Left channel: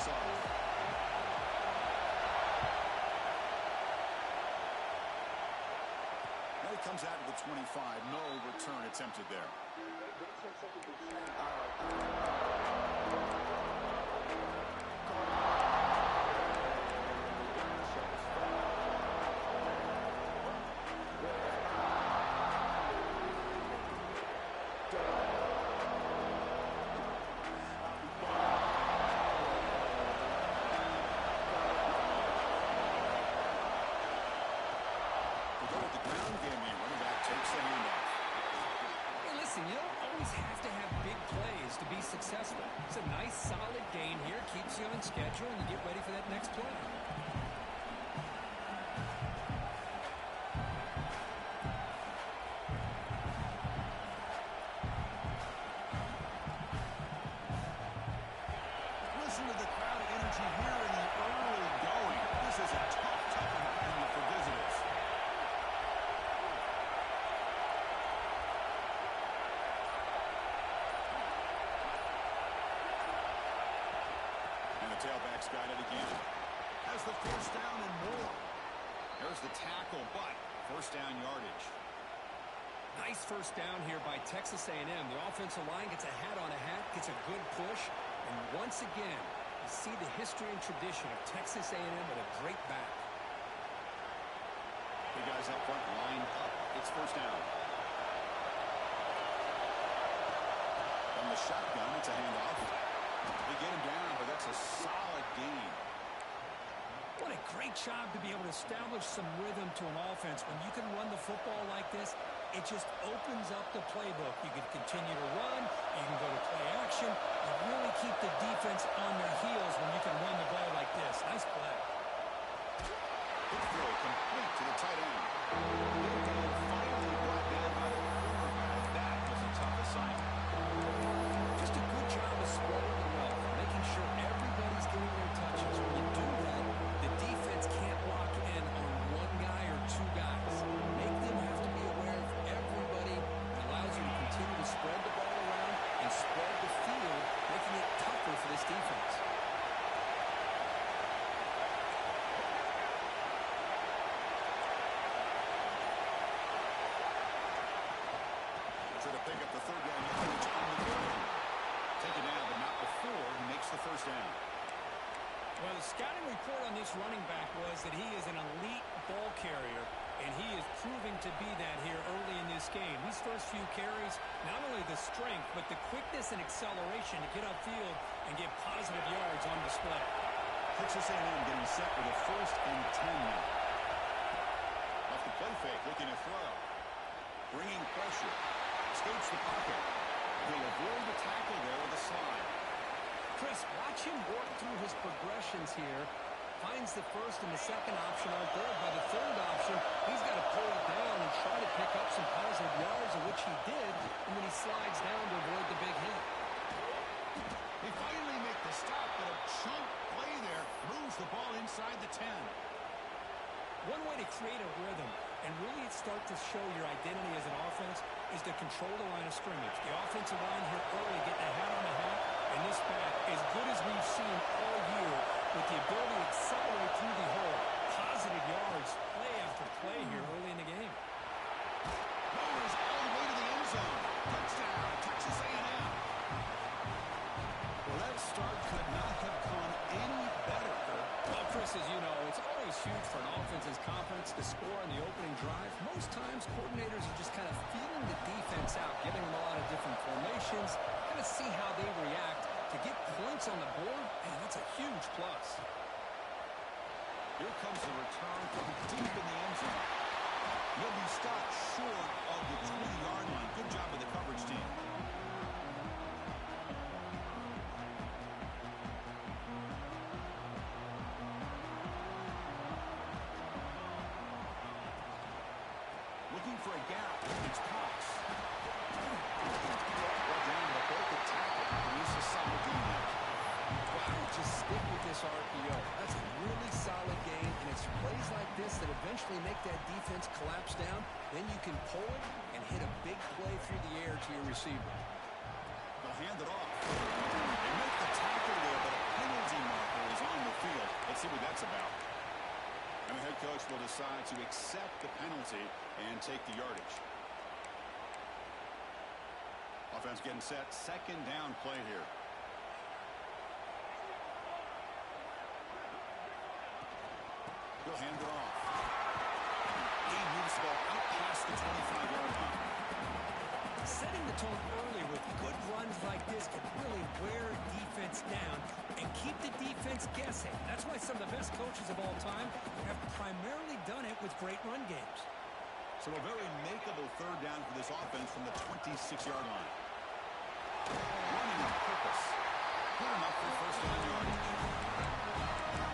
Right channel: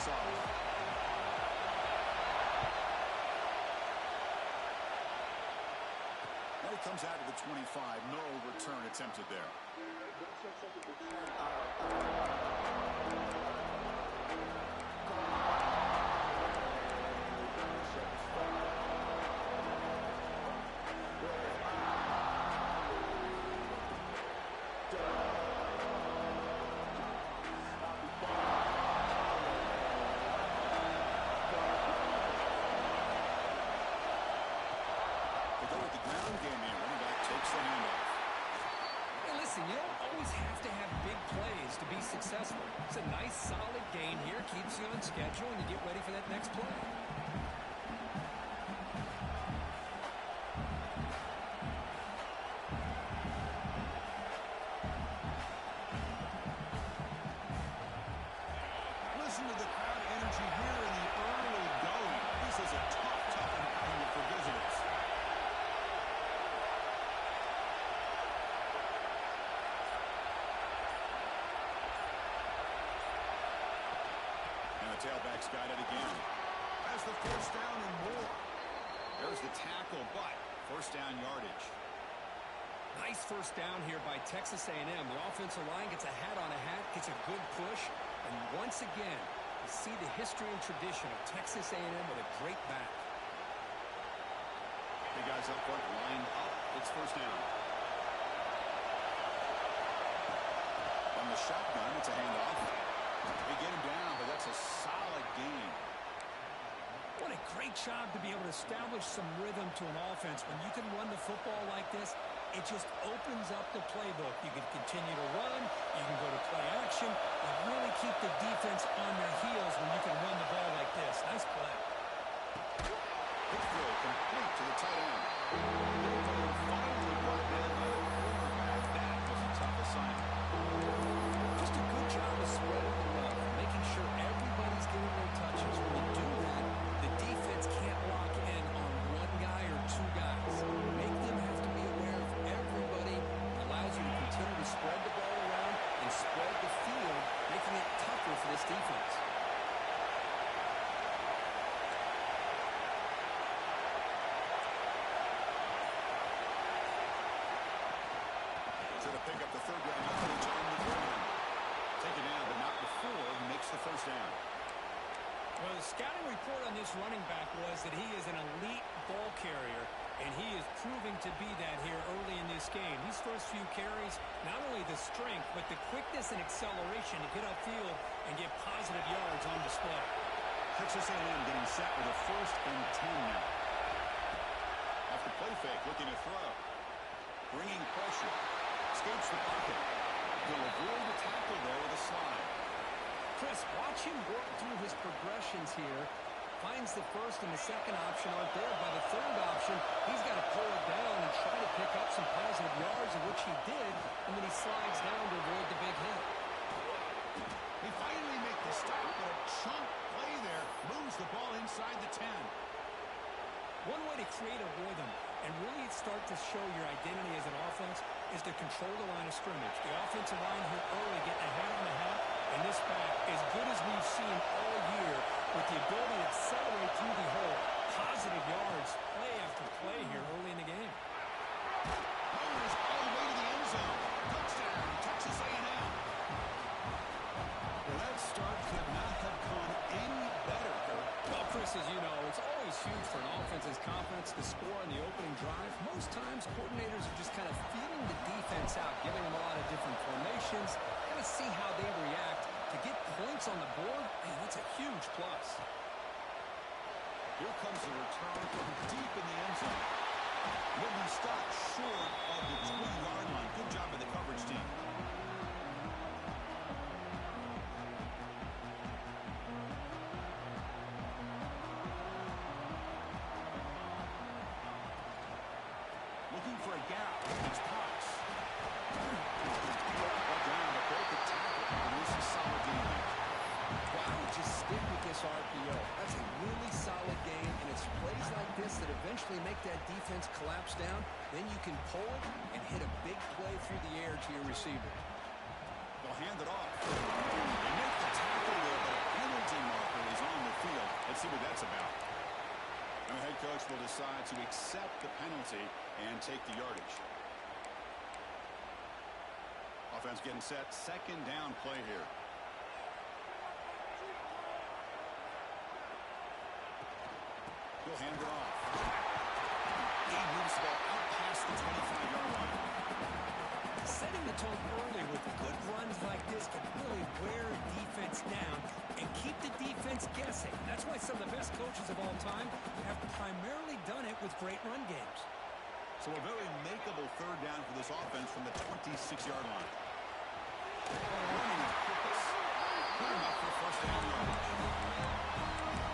this off. Now he comes out to the 25. No return attempted there. Takes the handoff. Hey, listen, you don't always have to have big plays to be successful. It's a nice, solid gain here. Keeps you on schedule, and you get ready for that next play. Listen to the crowd energy here in the early going. This is a tough environment for visitors. Tailback's got it again. Has the first down and more. There's the tackle, but first down yardage. Nice first down here by Texas A&M. The offensive line gets a hat on a hat, gets a good push, and once again, you see the history and tradition of Texas A&M with a great back. The guys up front lined up. It's first down. From the shotgun, it's a handoff. They get him down, but that's a solid gain. What a great job to be able to establish some rhythm to an offense. When you can run the football like this, it just opens up the playbook. You can continue to run. You can go to play action. And really keep the defense on their heels when you can run the ball like this. Nice play. Quick throw complete to the tight end. Finally brought down by the quarterback. That was a tough assignment. Just a good job of spreading the wealth, making sure everybody's getting their touches. When you do that, the defense can't lock in on one guy or two guys. Make them have to be aware of everybody. It allows you to continue to spread the ball around and spread the field, making it tougher for this defense. Try to pick up the third down yardage on the ground. Take it down, but not before he makes the first down. Well, the scouting report on this running back was that he is an elite ball carrier, and he is proving to be that here early in this game. These first few carries, not only the strength, but the quickness and acceleration to get upfield and get positive yards on display. Texas A&M getting set with a 1st and 10 now. Off the play fake, looking to throw. Bringing pressure. Escapes the pocket. He'll avoid the tackle there with a slide. Chris, watch him work through his progressions here. Finds the first and the second option aren't there. By the third option, he's got to pull it down and try to pick up some positive yards, of which he did, and then he slides down to avoid the big hit. They finally make the stop, but a chunk play there moves the ball inside the 10. One way to create a rhythm and really start to show your identity as an offense is to control the line of scrimmage. The offensive line here early getting a hat on the hat, and this back, as good as we've seen all year, with the ability to accelerate through the hole. Positive yards, play after play here early in the game. Mowers all the way to the end zone. Touchdown, Texas A&M. Well, that start could not have gone any better, Kurt. Well, Chris, as you know, it's always huge for an offense's confidence to score on the opening drive. Most times, coordinators are just kind of feeling the defense out, giving them a lot of different formations, kind of see how they react. To get points on the board, man, that's a huge plus. Here comes the return from deep in the end zone. He'll be stopped short of the 20-yard line. Good job of the coverage team. Looking for a gap. It's Cox. Brought down to both the tackle. Produce a solid gain there. Well, I would just stick with this RPO. That's a really solid game, and it's plays like this that eventually make that defense collapse down. Then you can pull it and hit a big play through the air to your receiver. They'll hand it off. They make the tackle there, but a penalty penalty marker is on the field. Let's see what that's about. And the head coach will decide to accept the penalty and take the yardage. Offense getting set. Second down play here. He'll hand it off. He moves the ball out past the 25-yard line. Setting the tone early with good runs like this can really wear defense down and keep the defense guessing. That's why some of the best coaches of all time have primarily done it with great run games. So a very makeable third down for this offense from the 26-yard line. Running on purpose. Good enough for first down yardage.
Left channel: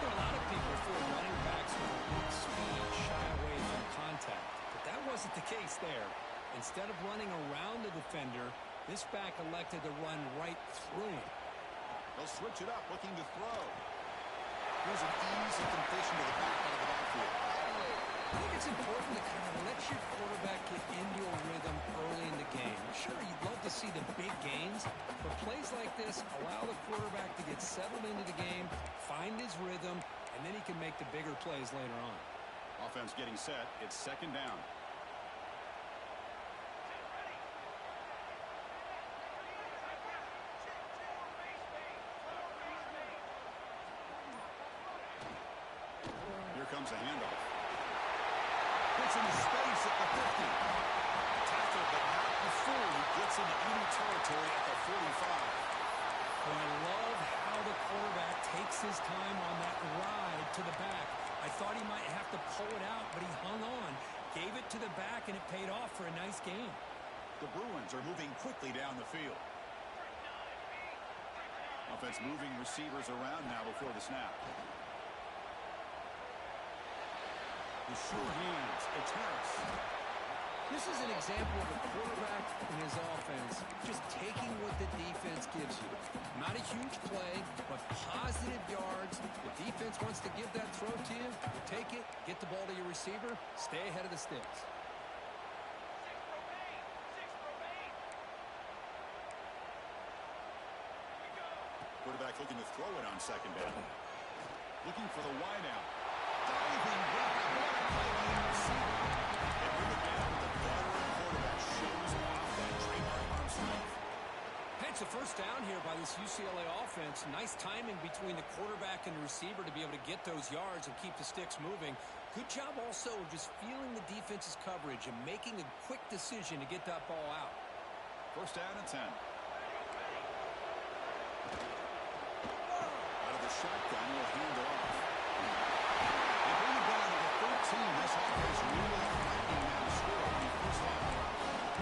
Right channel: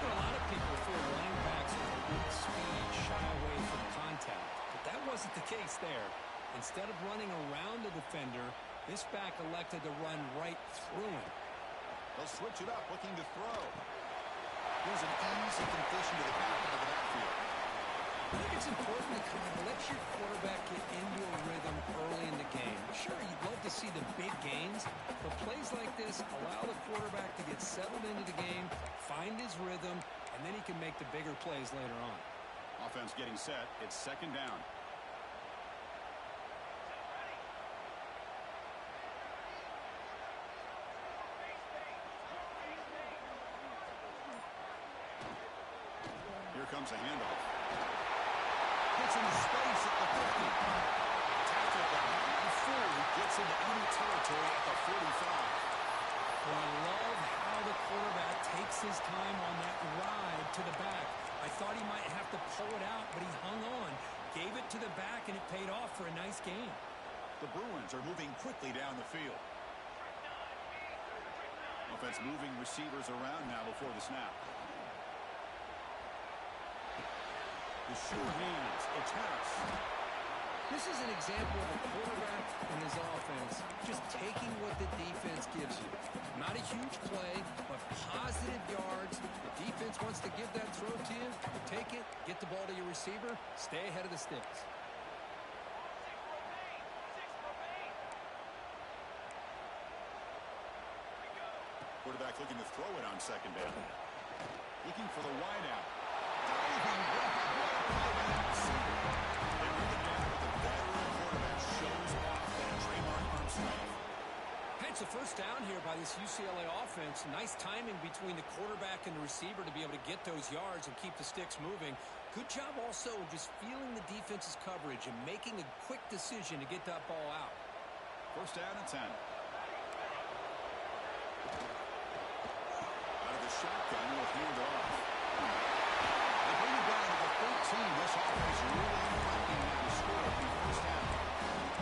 There are a lot of people who feel running backs with weak speed shy away from contact, but that wasn't the case there. Instead of running around the defender, this back elected to run right through him. They'll switch it up, looking to throw. Here's an easy completion to the back out of the backfield. I think it's important to kind of let your quarterback get into a rhythm early in the game. Sure, you'd love to see the big gains, but plays like this allow the quarterback to get settled into the game, find his rhythm, and then he can make the bigger plays later on. Offense getting set. It's second down. Here comes a handoff. Gets into space at the 50. Tackled, but not before he gets into enemy territory at the 45. Well, I love how the quarterback takes his time on that ride to the back. I thought he might have to pull it out, but he hung on, gave it to the back, and it paid off for a nice game. The Bruins are moving quickly down the field. Offense moving receivers around now before the snap. The sure hands. It's Harris. This is an example of a quarterback and his offense just taking what the defense gives you. Not a huge play, but positive yards. The defense wants to give that throw to you. You take it, get the ball to your receiver, stay ahead of the sticks. Quarterback looking to throw it on second down. Looking for the wideout. Diving block. What a play by that receiver. They bring it down with the veteran quarterback. Shows off that trademark arm strength. Hey, it's a first down here by this UCLA offense. Nice timing between the quarterback and the receiver to be able to get those yards and keep the sticks moving. Good job also just feeling the defense's coverage and making a quick decision to get that ball out. First down and 10. Out of the shotgun, will hand it off. They bring it down to the 13. This offense really threatening now to score on the first down.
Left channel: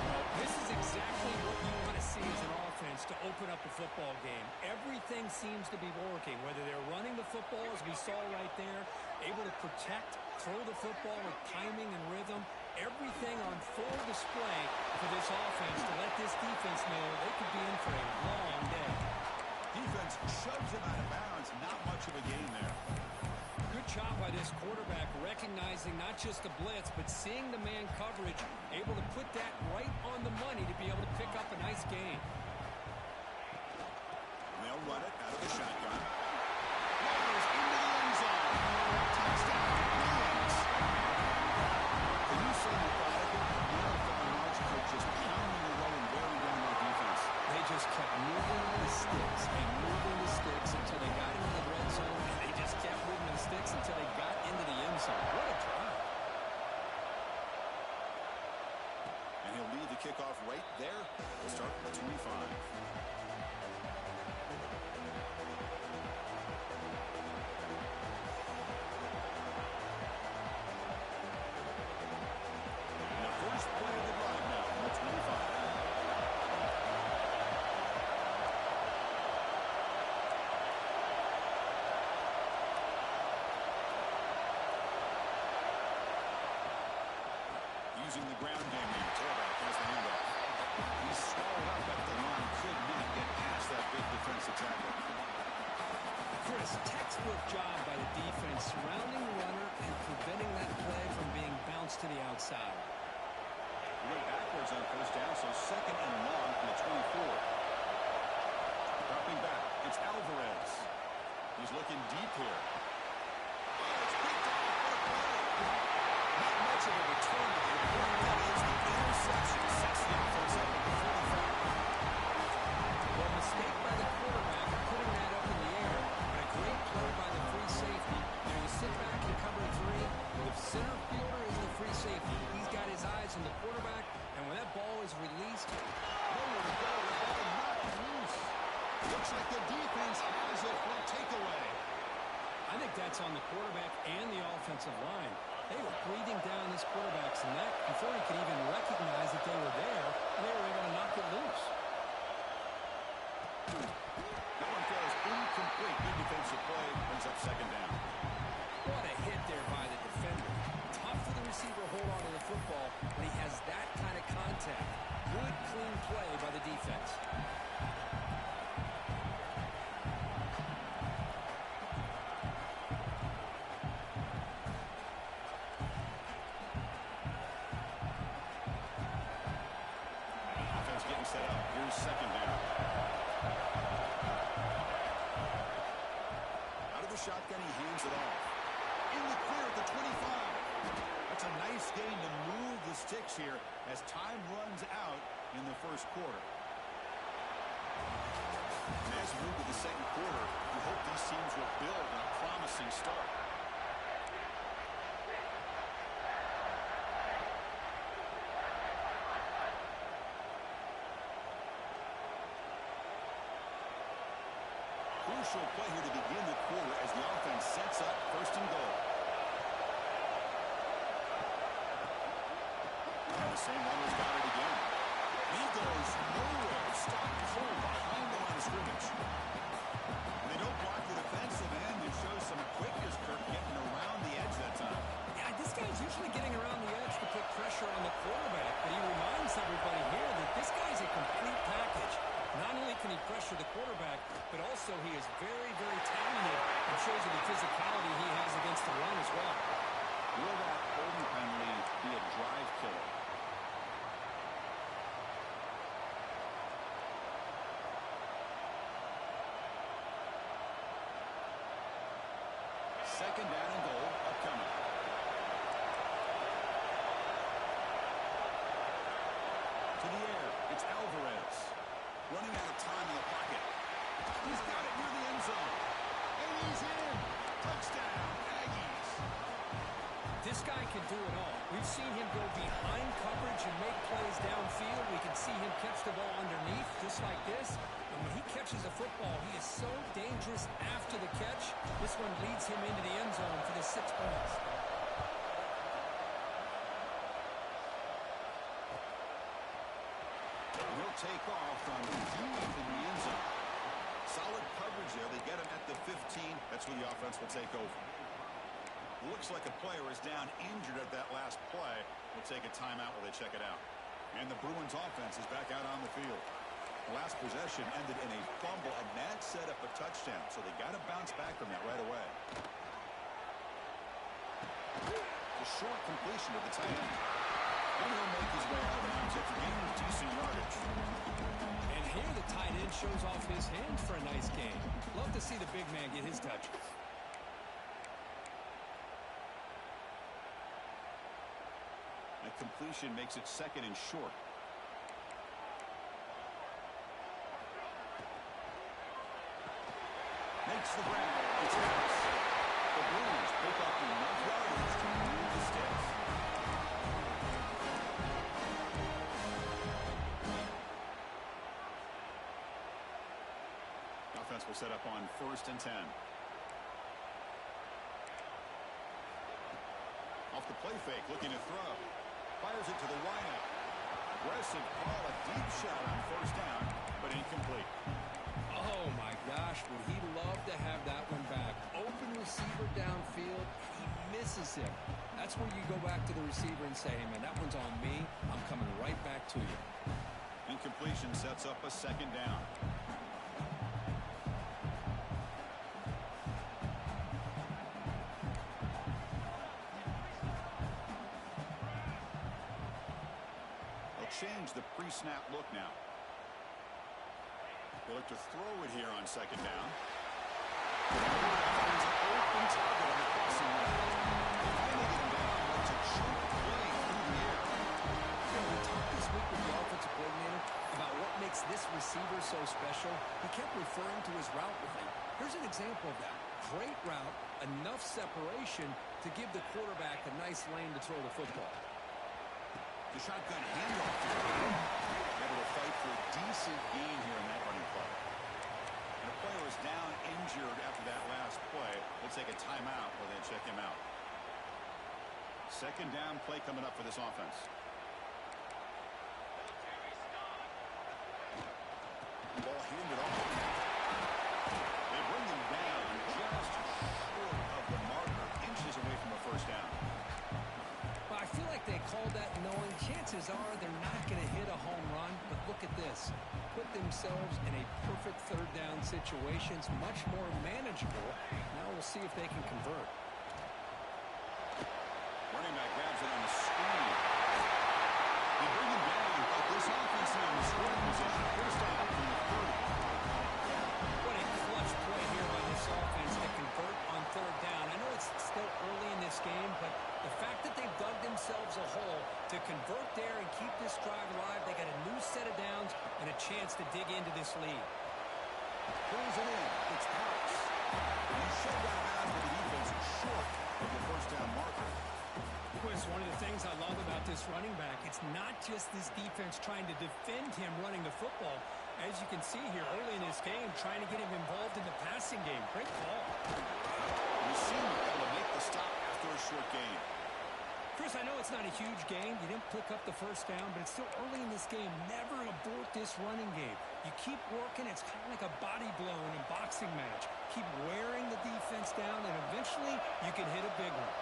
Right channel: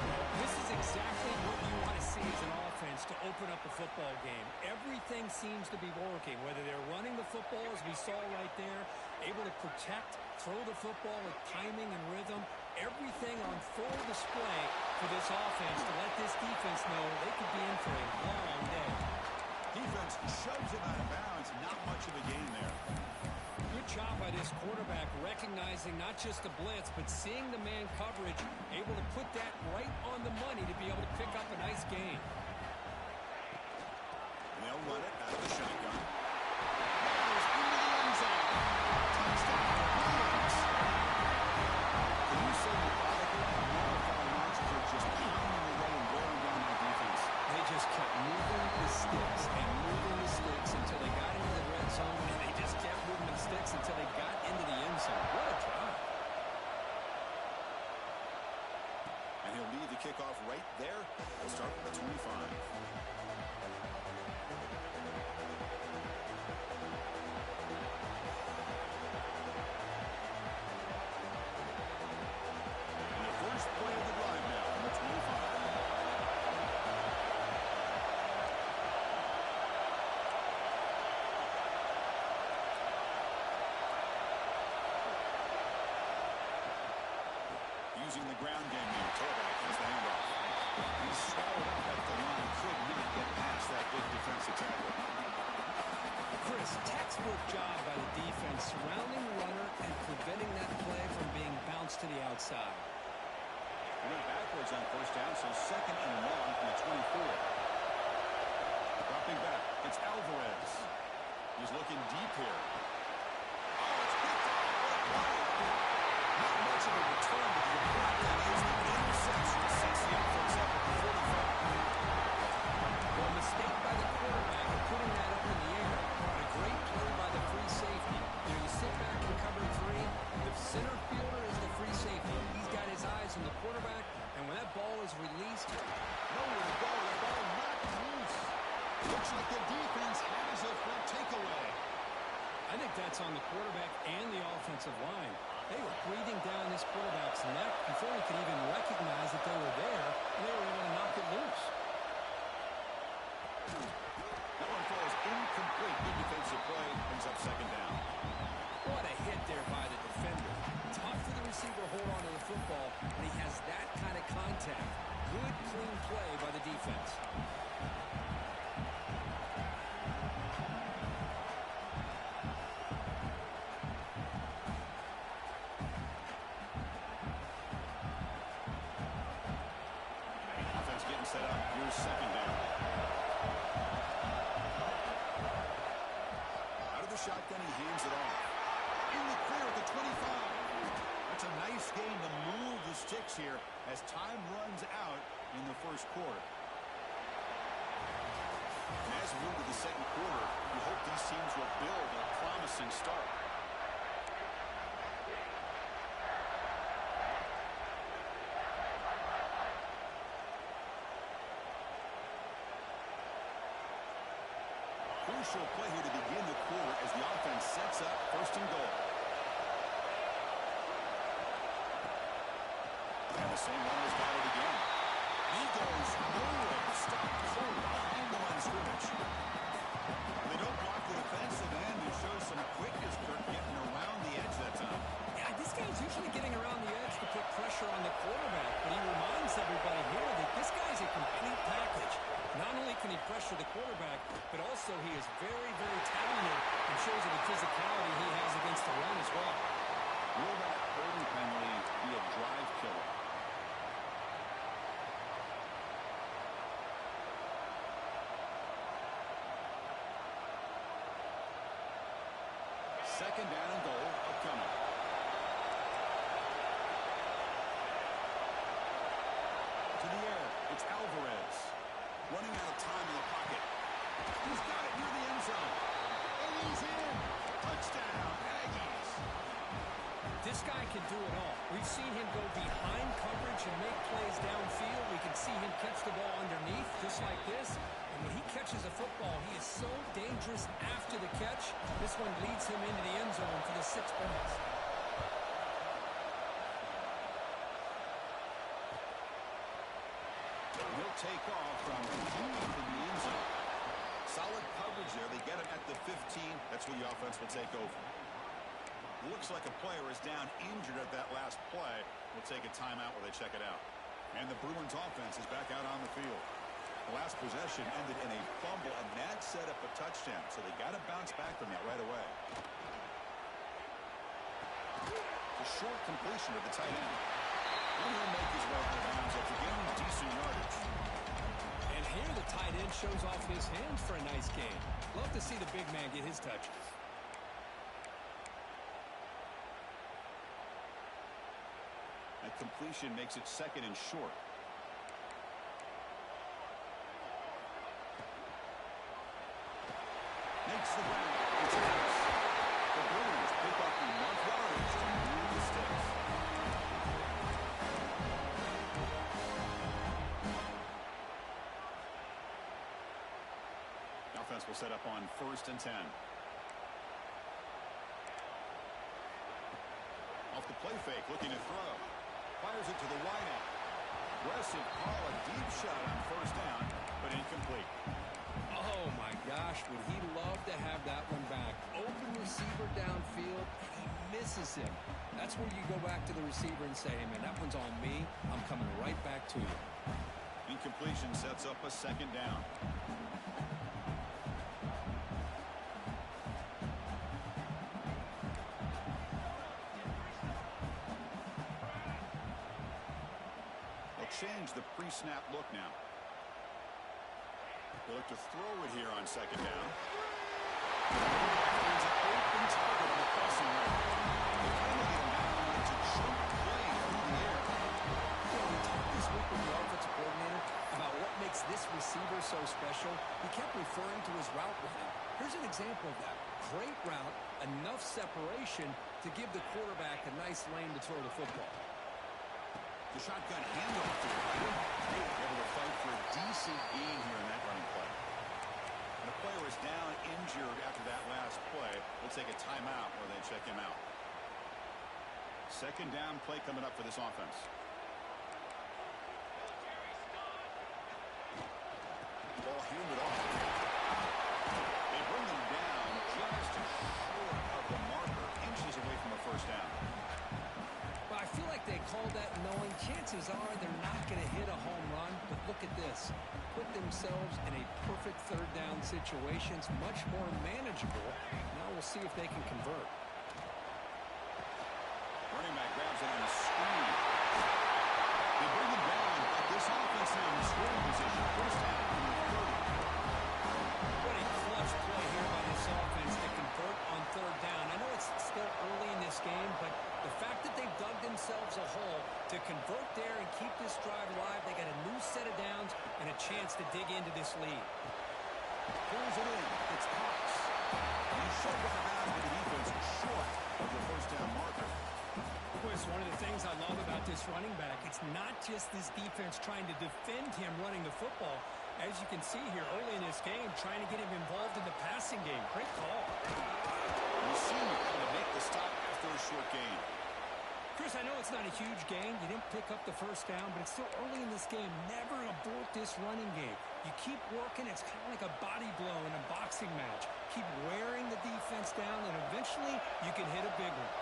Well, this is exactly what you want to see as an offense to open up a football game. Everything seems to be working, whether they're running the football, as we saw right there, able to protect, throw the football with timing and rhythm. Everything on full display for this offense to let this defense know they could be in for a long day. Defense shoves him out of bounds. Not much of a gain there. Good job by this quarterback recognizing not just the blitz, but seeing the man coverage, able to put that right on the money to be able to pick up a nice gain. They'll run it out of the shotgun. Riders into the end zone. Touchdown, Bruins. Can you say methodical? Marathon march for just pounding away and wearing down that defense. They just kept moving the sticks and moving the sticks until they got into the red zone, and they just kept moving the sticks until they got into the end zone. What a drive. And he'll lead the kickoff right there. We'll start with 25. And the first play of the drive now from the 25. Using the ground game here. Tailback has the handoff. He's swallowed up at the line. Could not get past that big defensive tackle. Chris, textbook job by the defense surrounding the runner and preventing that play from being bounced to the outside. He went backwards on first down, so second and long from the 24. Dropping back, it's Alvarez. He's looking deep here. Oh, it's picked off. What a play. Not much of a return, but the important thing is the interception sets the offense up at the 45. Well, a mistake by the quarterback of putting that up in the air, but a great play by the free safety. You know, you sit back in cover 3, the center fielder is the free safety. He's got his eyes on the quarterback, and when that ball is released, nowhere to go. The ball knocked loose. Looks like the defense has it for a takeaway. I think that's on the quarterback and the offensive line. They were breathing down this quarterback's neck before he could even recognize that they were there, and they were able to knock it loose. That one falls incomplete. Good defensive play. Brings up second down. What a hit there by the defender. Tough for the receiver to hold on to the football, but he has that kind of contact. Good, clean play by the defense. Offense getting set up. Here's second down. Shotgun, he hands it off. In the clear at the 25. That's a nice gain to move the sticks here as time runs out in the first quarter. And as we move to the second quarter, we hope these teams will build on a promising start. Crucial play here to begin the quarter as the offense sets up first and goal. And the same runner's got it again. He goes nowhere. Stop cold behind the line of scrimmage. When they don't block the defensive end, it shows some quickness, Kirk, getting around the edge that time. Yeah, this guy's usually getting around the edge to put pressure on the quarterback, but he reminds everybody here that this guy's a complete package. Not only can he pressure the quarterback, but also he is very, very talented and shows you the physicality he has against the run as well. Will that holding penalty be a drive killer? Second down and goal upcoming. To the air, it's Alvarez. Running out of time in the pocket. He's got it near the end zone. And he's in. Touchdown, Aggies. This guy can do it all. We've seen him go behind coverage and make plays downfield. We can see him catch the ball underneath just like this. And when he catches a football, he is so dangerous after the catch. This one leads him into the end zone for the 6 points. He'll take off from deep in the end zone. Solid coverage there. They get him at the 15. That's where the offense will take over. Looks like a player is down injured at that last play. We'll take a timeout while they check it out. And the Bruins offense is back out on the field. The last possession ended in a fumble, and that set up a touchdown. So they got to bounce back from that right away. The short completion of the tight end. And he'll make his way out of bounds after gaining decent yardage. And here the tight end shows off his hands for a nice gain. Love to see the big man get his touches. That completion makes it second and short. Makes the grab. It's loose. The Bruins pick up enough yardage to move the sticks. The offense will set up on 1st and 10. Off the play fake, looking to throw. Fires it to the wideout. Aggressive call, a deep shot on 1st down, but incomplete. Oh, my gosh, would he love to have that one back. Open receiver downfield, and he misses him. That's where you go back to the receiver and say, hey, man, that one's on me. I'm coming right back to you. Incompletion sets up a 2nd down. They'll change the pre-snap look now. They look to throw it here on 2nd down. Finds an open target on the crossing route. They finally get him down, but it's a choke play through the air. You know, we talked this week with the offensive coordinator about what makes this receiver so special. He kept referring to his route running. Here's an example of that. Great route, enough separation to give the quarterback a nice lane to throw the football. The shotgun handoff here. Able to fight for a decent gain here in that running play. And a player is down injured after that last play. We'll take a timeout where they check him out. Second down play coming up for this offense. Ball handed off. They bring him down just short of the marker, inches away from a first down. Well, I feel like they called that knowing chances are they're not going to hit a home run, but look at this. Put themselves in a perfect third down situation. It's much more manageable. Now we'll see if they can convert. Running back grabs it on a screen. They bring him down, but this offense now in scoring position. First down from the 30. What a clutch play here by this offense to convert on third down. I know it's still early in this game, but the fact that they've dug themselves a hole to convert there and keep this drive alive, they got a new set of downs and a chance to dig into this lead. Pulls it in. It's Cox. He shoved out of bounds with the defense short of the first down marker. It's one of the things I love about this running back. It's not just this defense trying to defend him running the football. As you can see here early in this game, trying to get him involved in the passing game. Great call. You see him able to make the stop after a short gain. Chris, I know it's not a huge gain. You didn't pick up the first down, but it's still early in this game. Never abort this running game. You keep working. It's kind of like a body blow in a boxing match. Keep wearing the defense down, and eventually you can hit a big one.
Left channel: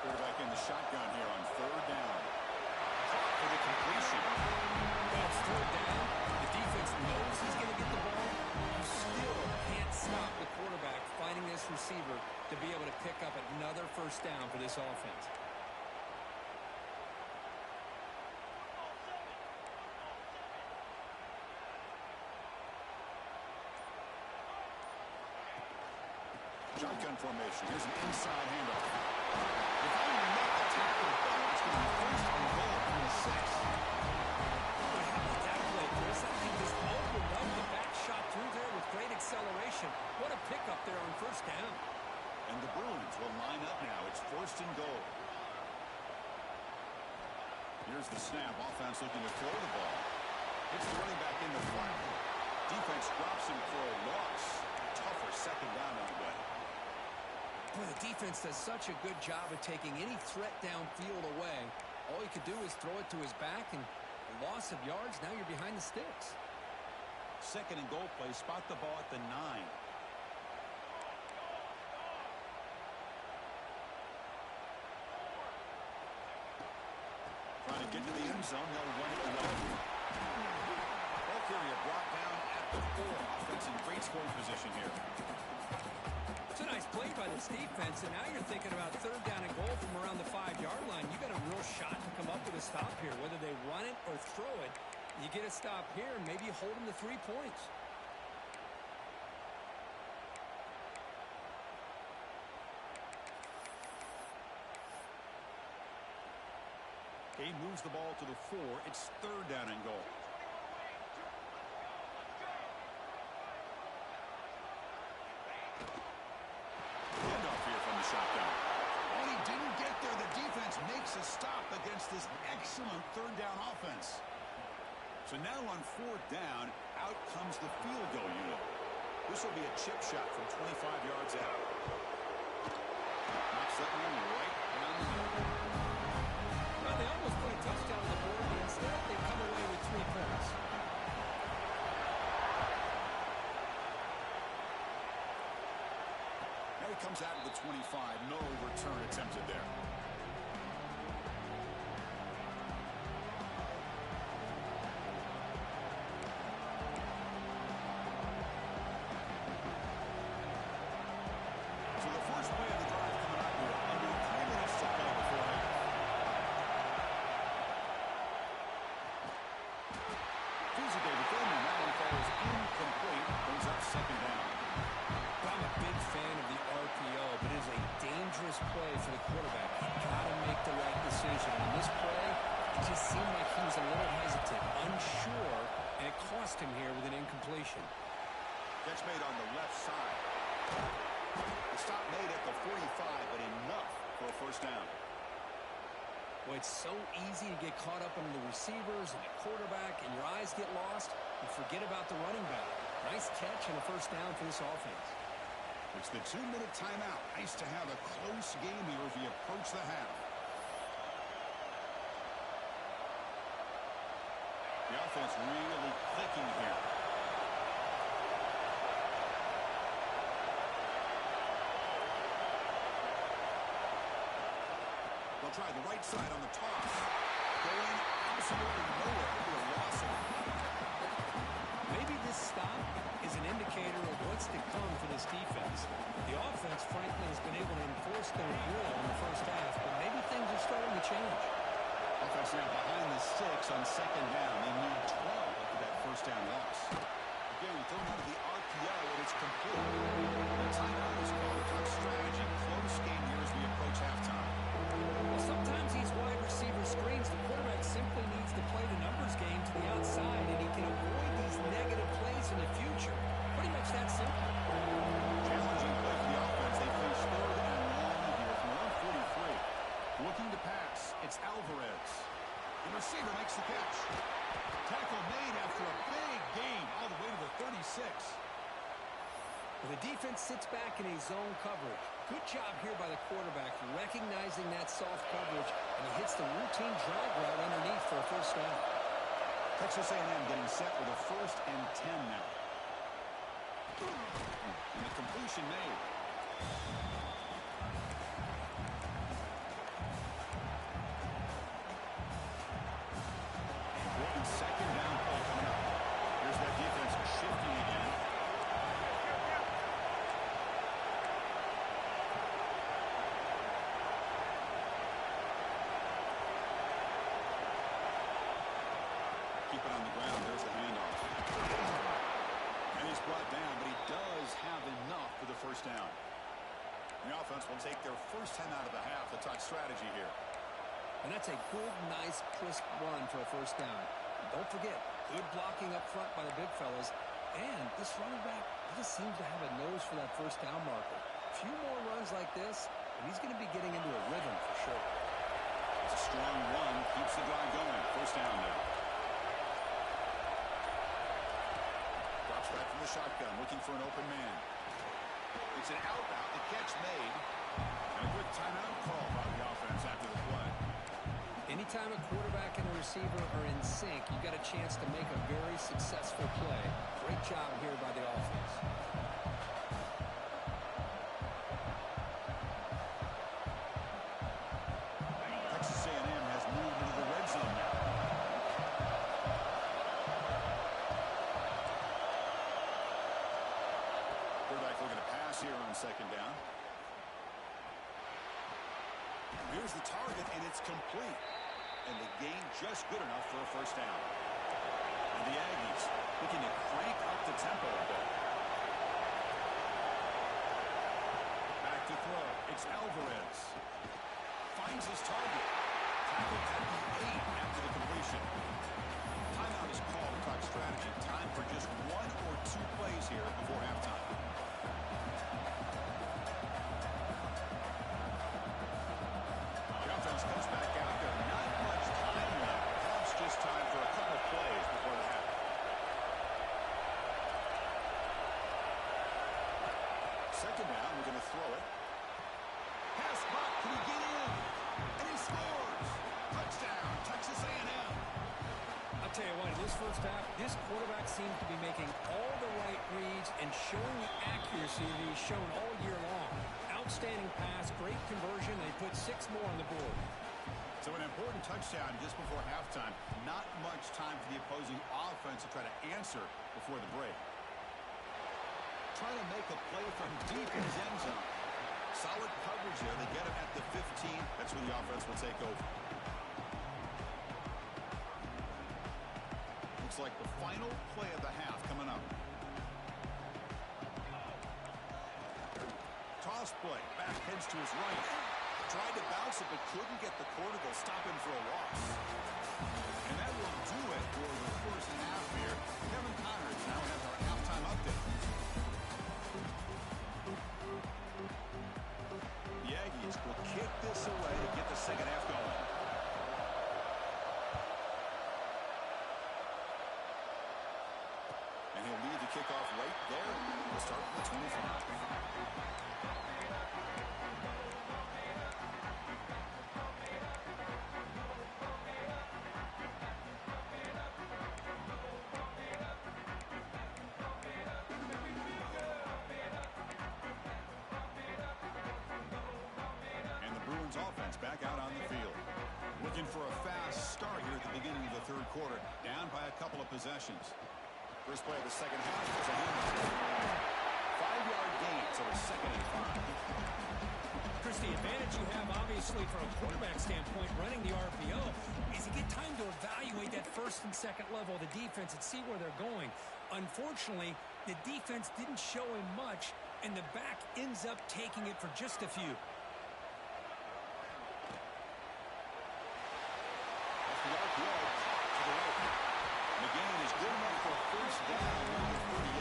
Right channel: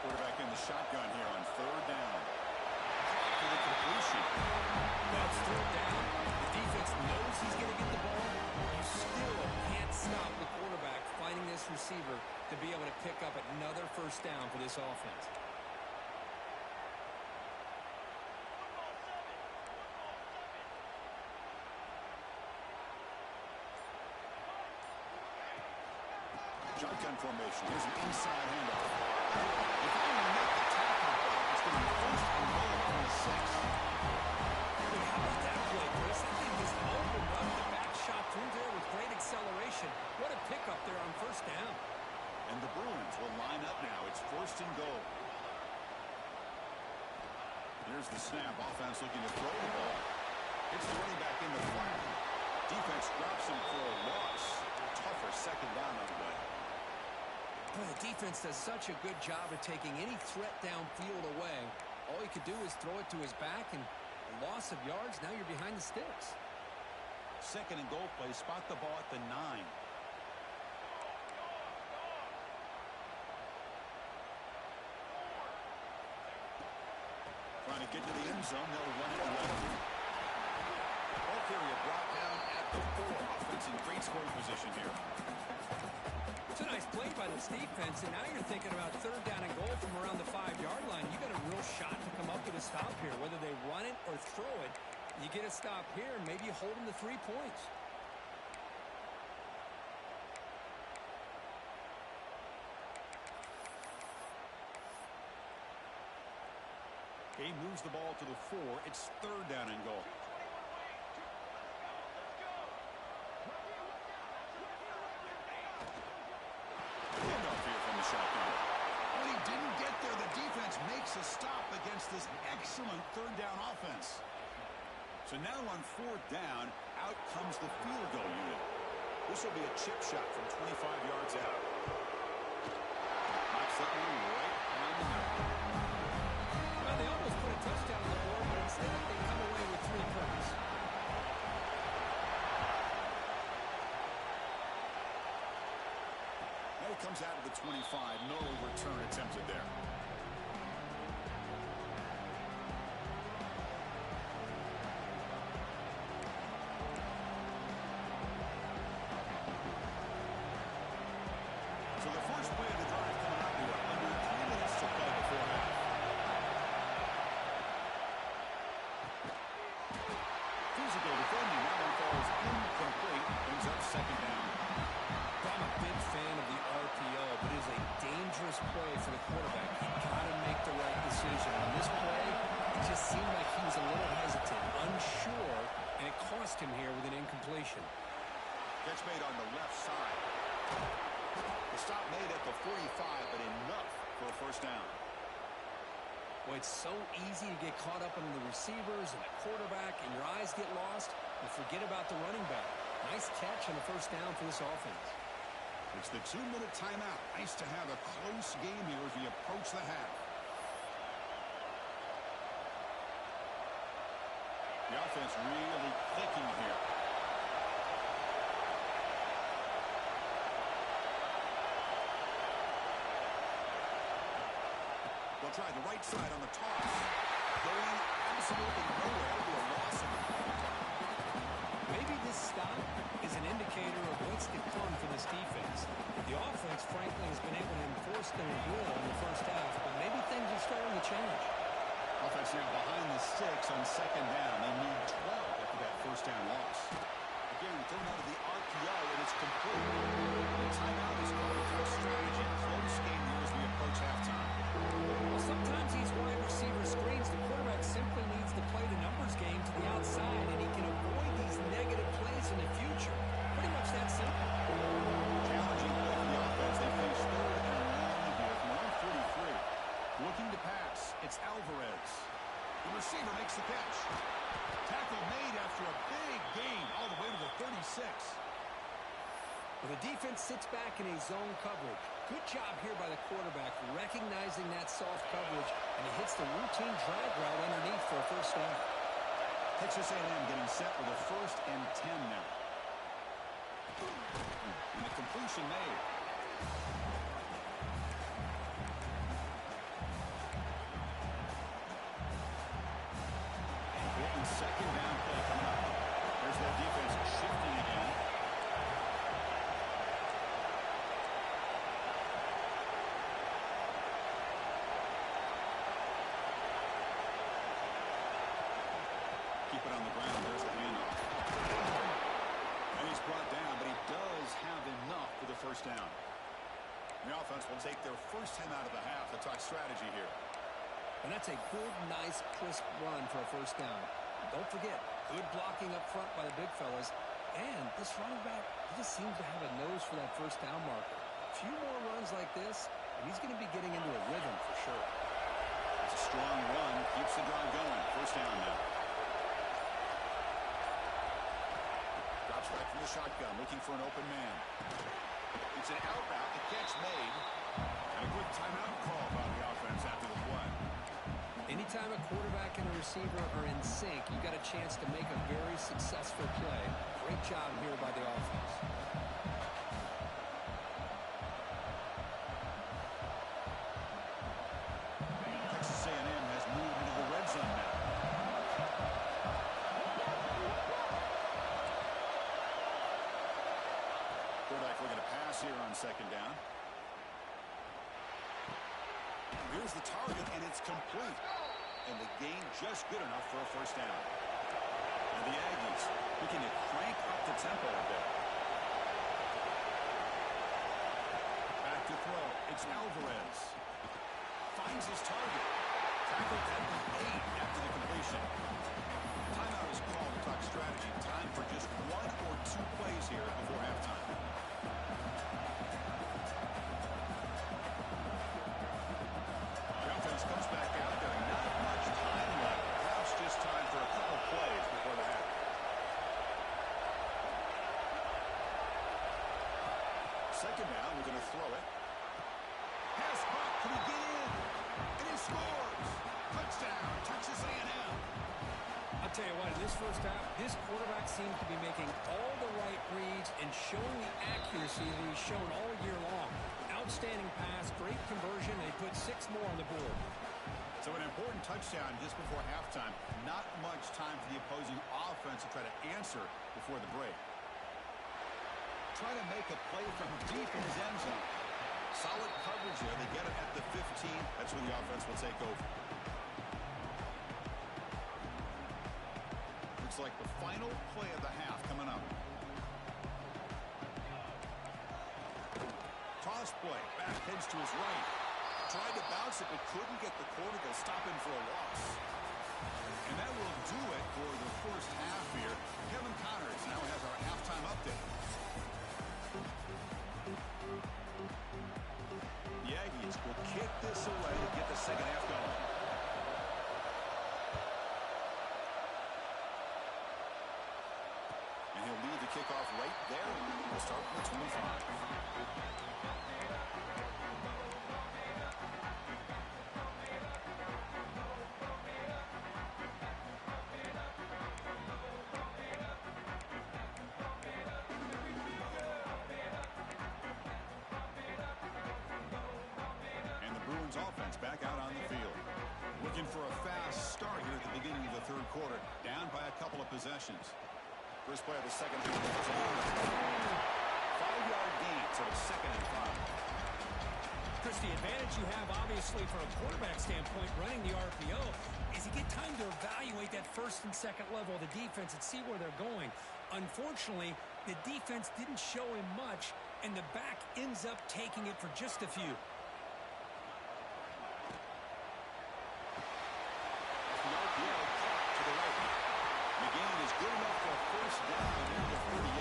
Quarterback in the shotgun here on third down. Caught for the completion. That's third down. The defense knows he's going to get the ball. You still can't stop the quarterback finding this receiver to be able to pick up another first down for this offense. Shotgun formation. Here's an inside handoff. If I make the tackle, but it's going to be first and goal from the 6. Boy, how about that play, Chris? That thing just opened up the back shot through there with great acceleration. What a pickup there on first down. And the Bruins will line up now. It's first and goal. Here's the snap. Offense looking to throw the ball. It's the running back in the flat. Defense drops him for a loss. Tougher second down on the way. Boy, the defense does such a good job of taking any threat downfield away. All you could do is throw it to his back, and a loss of yards, now you're behind the sticks. Second and goal play. Spot the ball at the 9. Trying to get to the end zone. They'll run it left. Ball carrier brought down at the 4. Offense in great scoring position here. It's a nice play by this defense, and now you're thinking about third down and goal from around the 5-yard line. You got a real shot to come up with a stop here. Whether they run it or throw it, you get a stop here, and maybe you hold them to 3 points. He moves the ball to the 4. It's third down and goal. Handoff here from the shotgun. When he didn't get there, the defense makes a stop against this excellent third down offense. So now on fourth down, out comes the field goal unit. This will be a chip shot from 25 yards out. Knocks that one right down the middle. Well, they almost put a touchdown on the board, but instead they come away with 3 points. Now he comes out of the 25. No return attempted there. So the first play of the drive coming up here. Under 3 minutes to play before half. Physical defending. That one falls incomplete. Brings up second down. Well, I'm a big fan of the RPO, but it is a dangerous play for the quarterback. You got to make the right decision. On this play, it just seemed like he was a little hesitant, unsure, and it cost him here with an incompletion. Catch made on the left side. The stop made at the 45, but enough for a first down. Well, it's so easy to get caught up in the receivers and the quarterback, and your eyes get lost. You forget about the running back. Nice catch and a first down for this offense. It's the 2-minute timeout. Nice to have a close game here as we approach the half. The offense really clicking here. They'll try the right side on the toss. Going absolutely nowhere to a loss of it. Maybe this stop is an indicator of what's to come for this defense. The offense, frankly, has been able to enforce their will in the first half, but maybe things are starting to change. Offense now behind the 6 on second down. They need 12 after that first down loss. Again, thrown out of the RPO, and it's complete. The timeout is called a touch strategy. Close game here as we approach halftime. Well, sometimes these wide receiver screens, the quarterback simply needs to play the numbers game to the outside, and he can avoid these negative plays in the future. Pretty much that simple. Challenging play for the offense. They face third and long here from around 43. Looking to pass. It's Alvarez. The receiver makes the catch. Tackle made after a big gain all the way to the 36. Well, the defense sits back in a zone coverage. Good job here by the quarterback recognizing that soft coverage, and he hits the routine drag route underneath for a first down. Texas A&M getting set with a 1st and 10 now. And the completion made. Important second down play coming up. Here's that defense shifting again. Keep it on the ground. There's the handoff. And he's brought down, but he does have enough for the first down. The offense will take their first 10 out of the half. The touch strategy here. And that's a good, nice, crisp run for a first down. Don't forget, good blocking up front by the big fellas. And this running back, he just seems to have a nose for that first down marker. A few more runs like this, and he's going to be getting into a rhythm for sure. It's a strong run. Keeps the drive going. First down now. Drops back from the shotgun, looking for an open man. It's an out route. The catch made. And a quick timeout call by the offense after the play. Anytime a quarterback and a receiver are in sync, you got a chance to make a very successful play. Great job here by the offense. Texas A&M has moved into the red zone now. Quarterback looking to pass here on second down. Here's the target, and it's complete. And the gain just good enough for a first down. And the Aggies looking to crank up the tempo a bit. Back to throw. It's Alvarez. Finds his target. Tackled at the 8 after the completion. Timeout is called to talk strategy. Time for just 1 or 2 plays here before halftime. Comes back out there. Not much time left. Perhaps just time for a couple plays before the half. Second down, we're going to throw it. Pass caught. Can he get in? And he scores. Touchdown, Texas A&M. I'll tell you what, in this first half, this quarterback seems to be making all the right reads and showing the accuracy that he's shown all year long. Outstanding pass, great conversion. They put 6 more on the board. So an important touchdown just before halftime. Not much time for the opposing offense to try to answer before the break. Trying to make a play from deep in his end zone. Solid coverage there. They get him at the 15. That's where the offense will take over. Looks like the final play of the half coming up. cross play. Back heads to his right. Tried to bounce it, but couldn't get the corner. They'll stop him for a loss. And that will do it for the first half here. Kevin Connors now has our halftime update. The Aggies will kick this away to get the second half going. And he'll lead the kickoff right there. We'll start from the 25. And the Bruins offense back out on the field. Looking for a fast start here at the beginning of the third quarter. Down by a couple of possessions. First play of the second half is a handoff. 5-yard gain, so it's 2nd and 5. Chris, the advantage you have, obviously, from a quarterback standpoint, running the RPO, is you get time to evaluate that first and second level of the defense and see where they're going. Unfortunately, the defense didn't show him much, and the back ends up taking it for just a few. That's the RPO caught to the right. McGinn is good enough for a first down near the 38.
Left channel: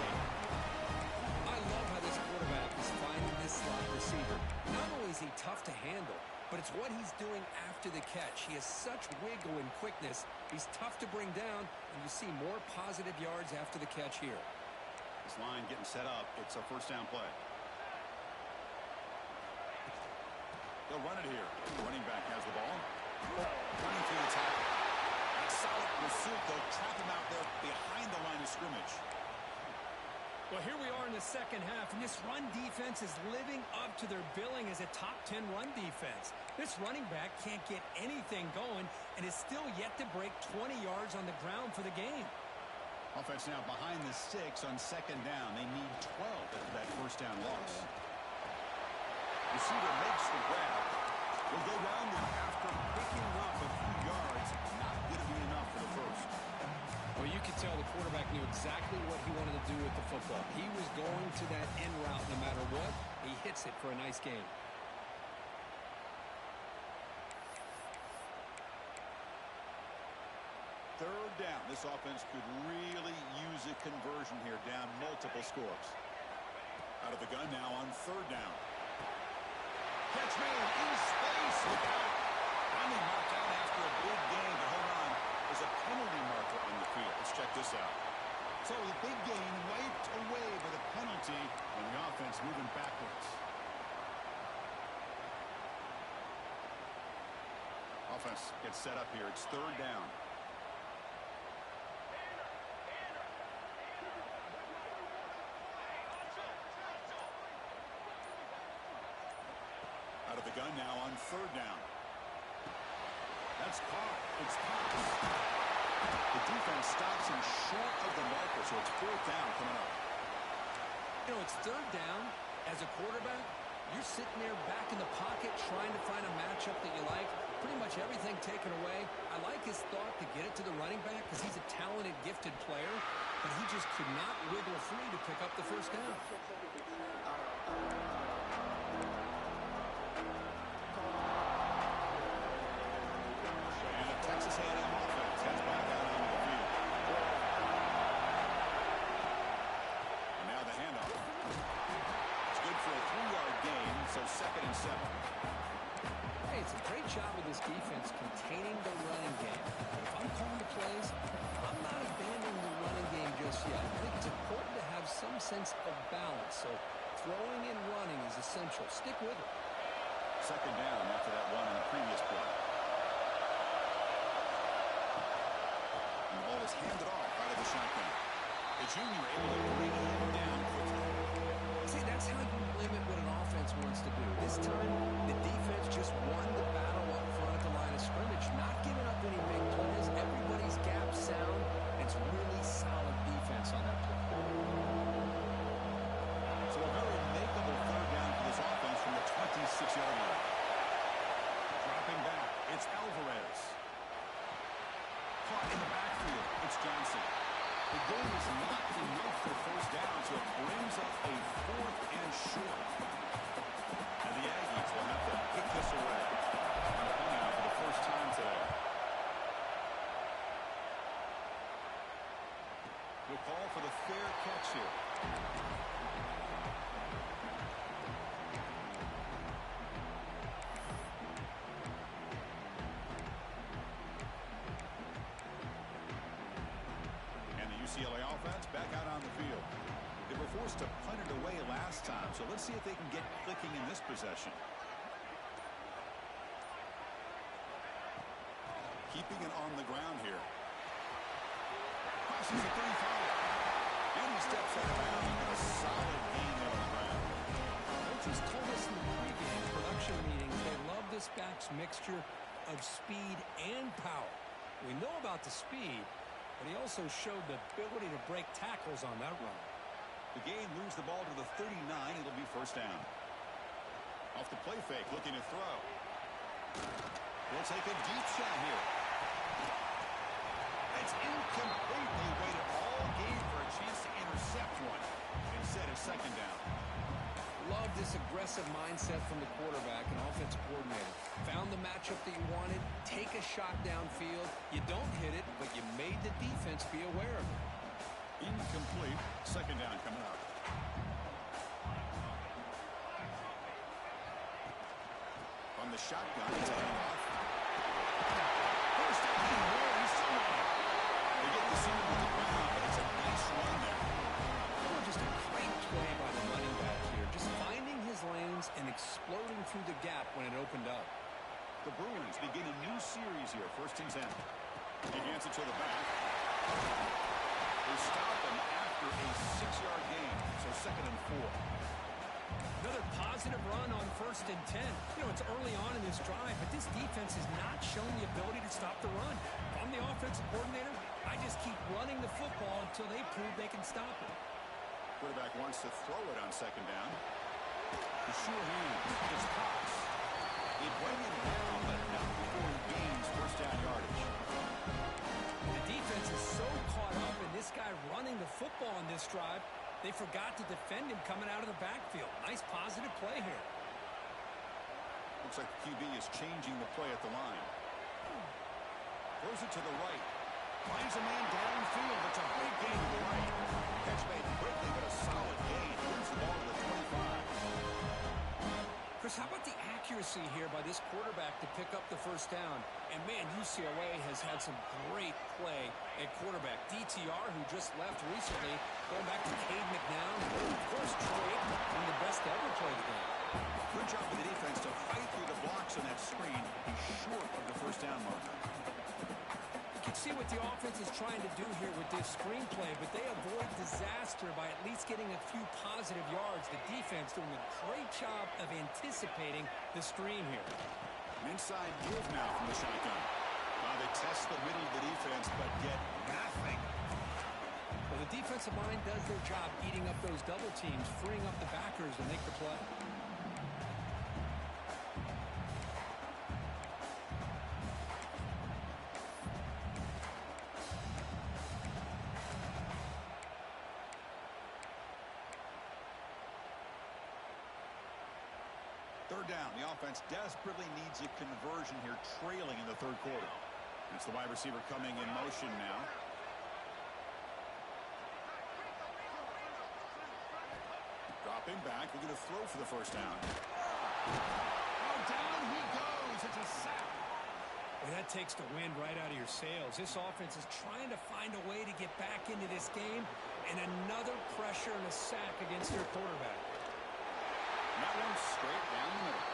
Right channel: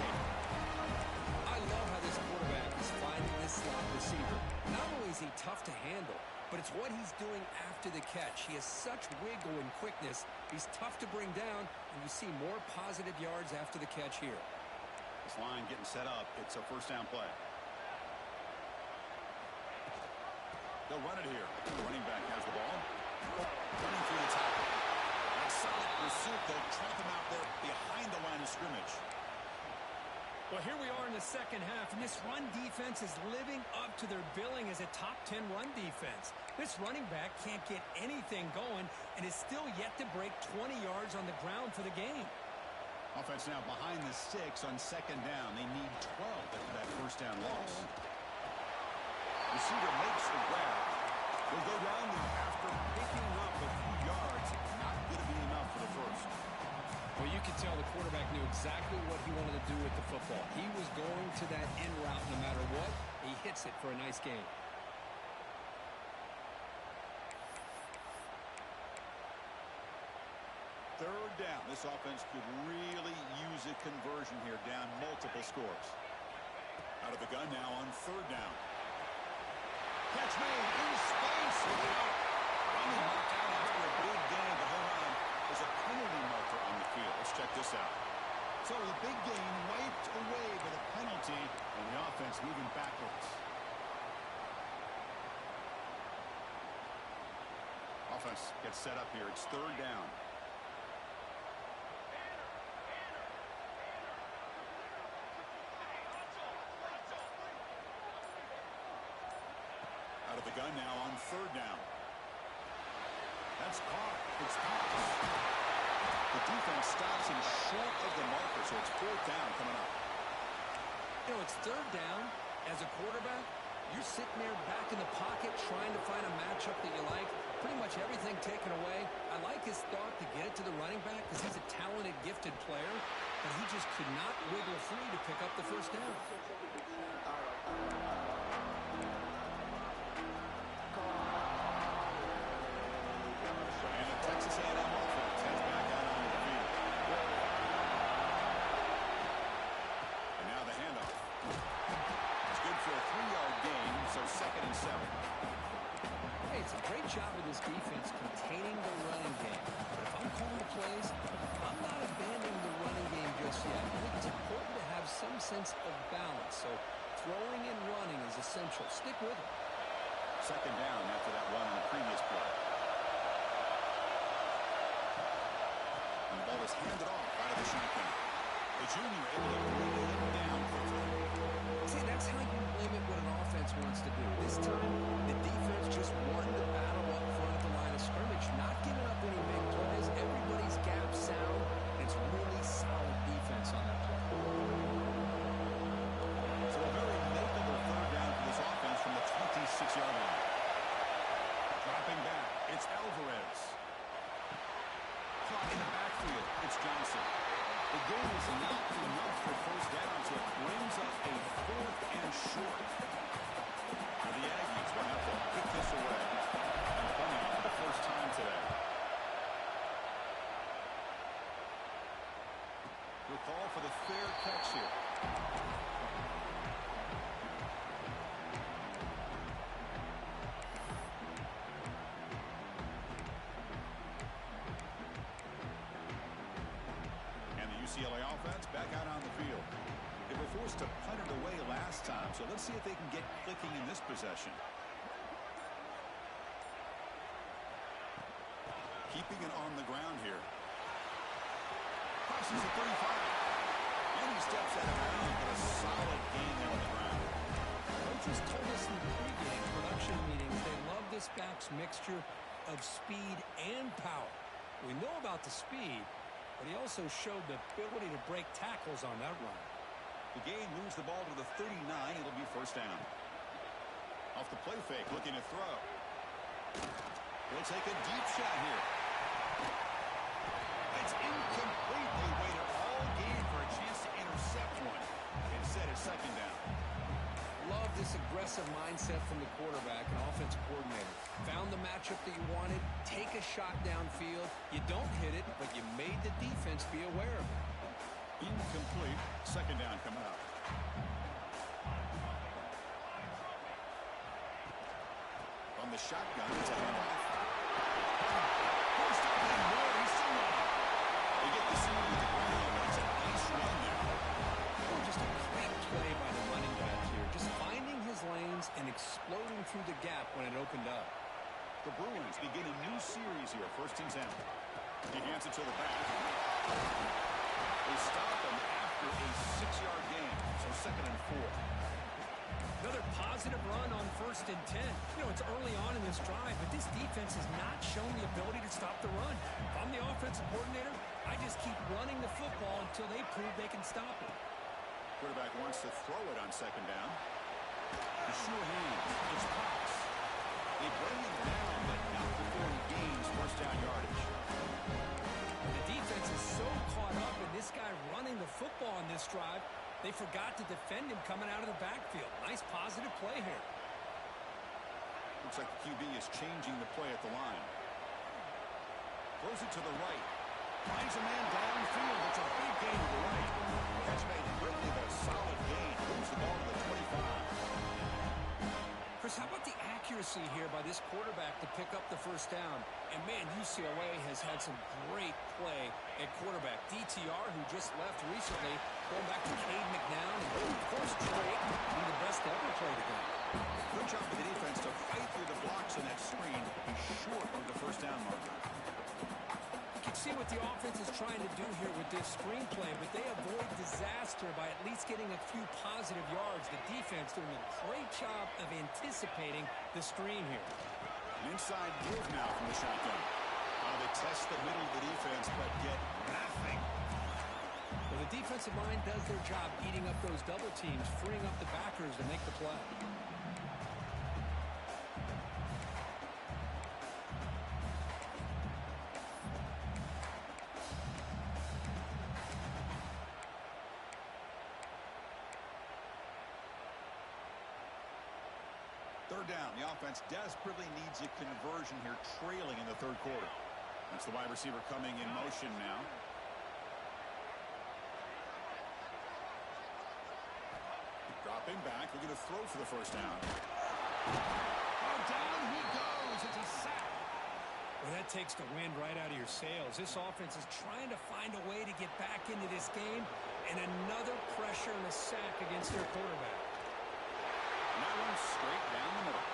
I love how this quarterback is finding this slot receiver. Not only is he tough to handle, but it's what he's doing after the catch. He has such wiggle and quickness. He's tough to bring down, and you see more positive yards after the catch here. This line getting set up. It's a first down play. They'll run it here. The running back has the ball. Running through the tackle. And a solid pursuit. They'll trap him out there behind the line of scrimmage. Well, here we are in the second half, and this run defense is living up to their billing as a top 10 run defense. This running back can't get anything going and is still yet to break 20 yards on the ground for the game. Offense now behind the 6 on second down. They need 12 after that first down loss. Receiver makes the grab. He'll go down there after picking up a few yards. Not going to be enough for the first. Well, you could tell the quarterback knew exactly what he wanted to do with the football. He was going to that in route no matter what. He hits it for a nice gain. Third down. This offense could really use a conversion here, down multiple scores. Out of the gun now on third down. Catch made in space. Look out. Running marked out after a big gain, but hold on. There's a penalty marker on the field. Let's check this out. So the big gain wiped away by the penalty, and the offense moving backwards. Offense gets set up here. It's third down. Out of the gun now on third down. That's caught. It's Thomas. The defense stops him short of the marker, so it's fourth down coming up. You know, it's third down. As a quarterback, you're sitting there back in the pocket trying to find a matchup that you like. Pretty much everything taken away. I like his thought to get it to the running back because he's a talented, gifted player, but he just could not wiggle free to pick up the first down. And the Texas A&M offense heads back out onto the field. And now the handoff. It's good for a 3-yard gain, so 2nd and 7. Hey, it's a great job of this defense containing the running game. But if I'm calling the plays, I'm not abandoning the running game just yet. I think it's important to have some sense of balance. So throwing and running is essential. Stick with it. Second down after that run on the previous play. And the ball is handed off out of the shotgun. The junior able to bring him down quickly. See, that's how you limit what an offense wants to do. This time, the defense just won the battle up front at the line of scrimmage, not giving up any big plays. Everybody's gap sound, and it's really solid defense on that play. So a very makeable third down for this offense from the 26-yard line. Dropping back, it's Alvarez. Caught in the backfield, it's Johnson. The game is not enough for first down, so it brings up a 4th and short. the Aggies will have to kick this away. And a punt out for the first time today. He'll call for the fair catch here. And the UCLA offense back out on the field. They were forced to punt it away last time, so let's see if they can get clicking in this possession. Keeping it on the ground here. Crosses the 35. And he steps out of bounds, but a solid gain there on the ground. Coaches told us in the pregame production meetings they love this back's mixture of speed and power. We know about the speed, but he also showed the ability to break tackles on that run. The gain moves the ball to the 39. It'll be first down. Off the play fake, looking to throw. He'll take a deep shot here. It's incomplete. They waited all game for a chance to intercept one. Instead, it's second down. Love this aggressive mindset from the quarterback and offensive coordinator. Found the matchup that you wanted. Take a shot downfield. You don't hit it, but you made the defense be aware of it. Incomplete. Second down coming up. From the shotgun, it's a handoff. First down and more. He's still running. They get the seam with the ground, but it's a nice run there. Oh, just a great play by the running back here. Just finding his lanes and exploding through the gap when it opened up. The Bruins begin a new series here. First and 10. He hands it to the back. They stop him after a 6-yard gain, so second and 4. Another positive run on first and 10. You know, it's early on in this drive, but this defense has not shown the ability to stop the run. If I'm the offensive coordinator, I just keep running the football until they prove they can stop it. Quarterback wants to throw it on second down. The sure hands. It's Cox. They bring him down, but not before he gains first down yardage. The defense is so caught up in this guy running the football on this drive, they forgot to defend him coming out of the backfield. Nice positive play here. Looks like the QB is changing the play at the line. Throws it to the right. Finds a man downfield. It's a big gain to the right. Catch made quickly, but a solid gain. Moves the ball to the 25. Chris, how about the accuracy here by this quarterback to pick up the first down? And, man, UCLA has had some great play at quarterback. DTR, who just left recently, going back to Cade McNown. And, of course, Drake, one of the best to ever play the game. Good job with the defense to fight through the blocks on that screen. He's short of the first down marker. You can see what the offense is trying to do here with this screenplay, but they avoid disaster by at least getting a few positive yards. The defense doing a great job of anticipating the screen here. An inside give now from the shotgun. They test the middle of the defense, but get nothing. Well, the defensive line does their job eating up those double teams, freeing up the backers to make the play. Third down. The offense desperately needs a conversion here, trailing in the third quarter. That's the wide receiver coming in motion now. Dropping back. Looking to throw for the first down. Oh, down he goes. It's a sack. Well, that takes the wind right out of your sails. This offense is trying to find a way to get back into this game, and another pressure and a sack against their quarterback. And that one straight down the middle.